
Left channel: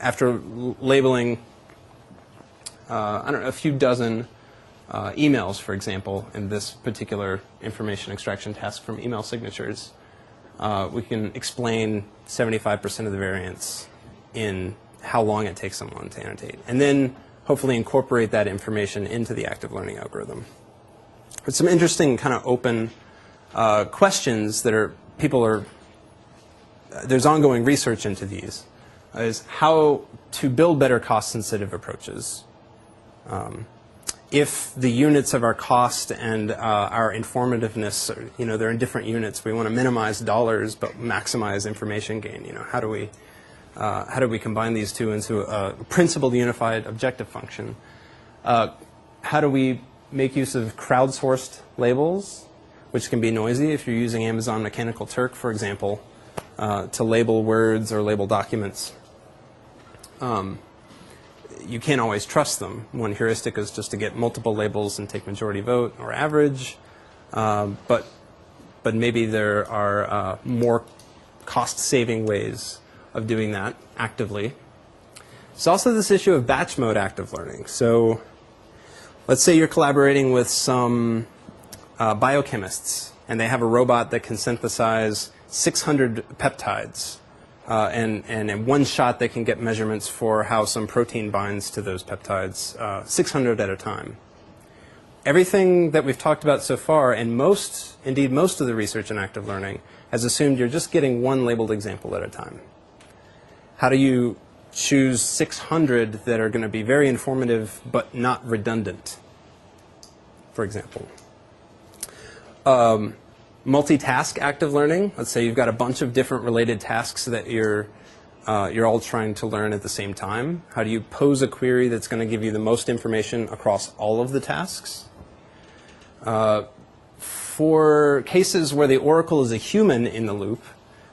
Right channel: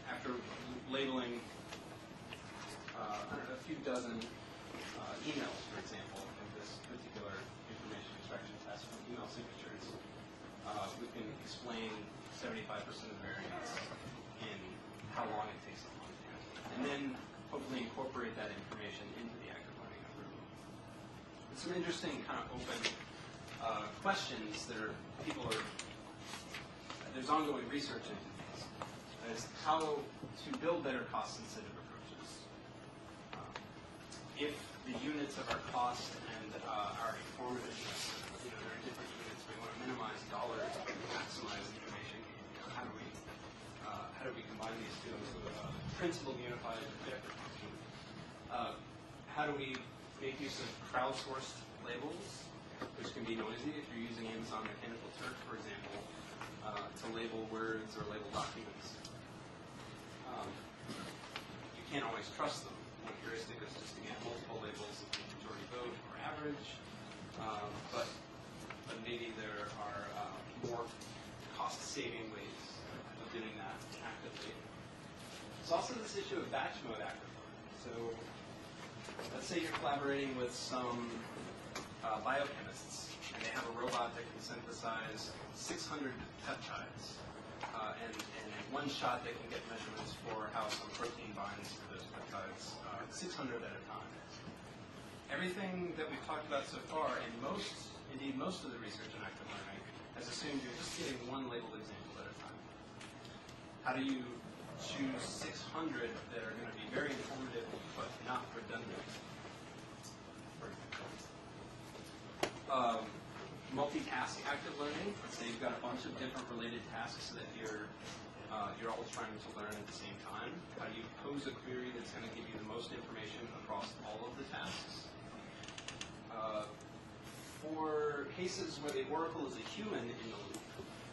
after labeling, I don't know, a few dozen emails, for example, in this particular information extraction task from email signatures, we can explain 75% of the variance in how long it takes someone to annotate. And then hopefully incorporate that information into the active learning algorithm. But some interesting kind of open questions that are, there's ongoing research into these, is how to build better cost-sensitive approaches. If the units of our cost and our informativeness, you know, they're in different units, we want to minimize dollars but maximize information gain. You know, how do we combine these two into a principled unified objective function? How do we make use of crowdsourced labels, which can be noisy if you're using Amazon Mechanical Turk, for example, to label words or label documents? You can't always trust them. One heuristic is just to get multiple labels and take majority vote or average, but maybe there are more cost-saving ways of doing that actively. There's also this issue of batch mode active learning. So let's say you're collaborating with some biochemists, and they have a robot that can synthesize 600 peptides. And in one shot, they can get measurements for how some protein binds to those peptides, 600 at a time. Everything that we've talked about so far, and indeed most of the research in active learning, has assumed you're just getting one labeled example at a time. How do you choose 600 that are going to be very informative but not redundant, for example? Multitask active learning. Let's say you've got a bunch of different related tasks that you're all trying to learn at the same time. How do you pose a query that's going to give you the most information across all of the tasks? For cases where the oracle is a human in the loop,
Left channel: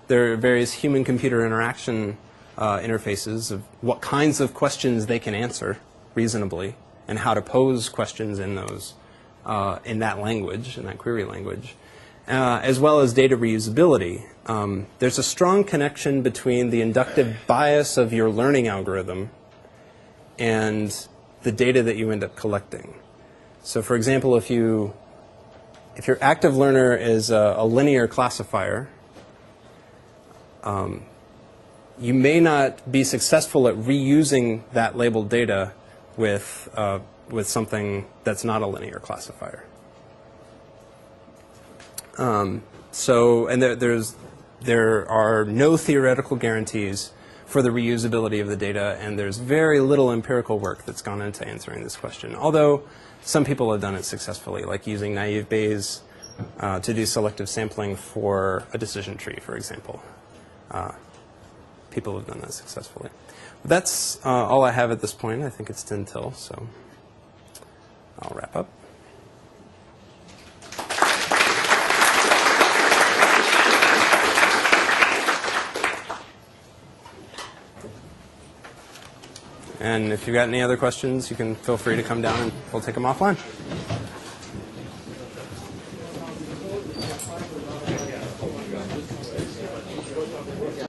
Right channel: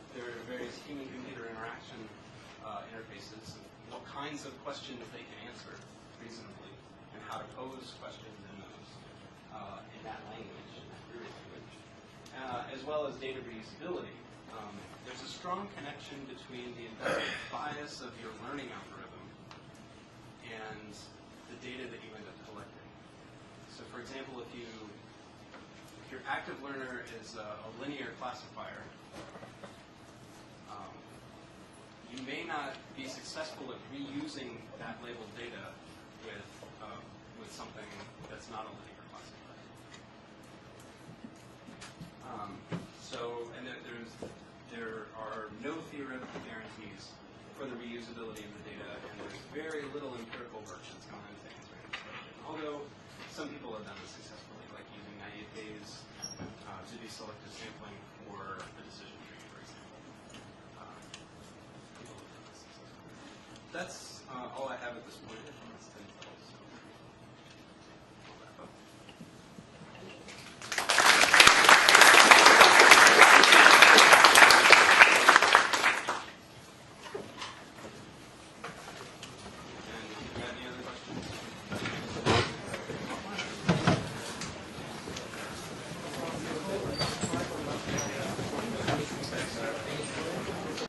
there are various human-computer interaction interfaces of what kinds of questions they can answer reasonably and how to pose questions in those, in that language, in that query language. As well as data reusability. There's a strong connection between the inductive bias of your learning algorithm and the data that you end up collecting. So for example, if your active learner is a linear classifier, you may not be successful at reusing that labeled data with something that's not a linear classifier. There are no theoretical guarantees for the reusability of the data, and there's very little empirical work that's gone into answering this question. Although some people have done it successfully, like using naive Bayes to do selective sampling for a decision tree, for example. People have done that successfully. That's all I have at this point. I think it's 10 till, so I'll wrap up. And if you've got any other questions, you can feel free to come down and we'll take them offline.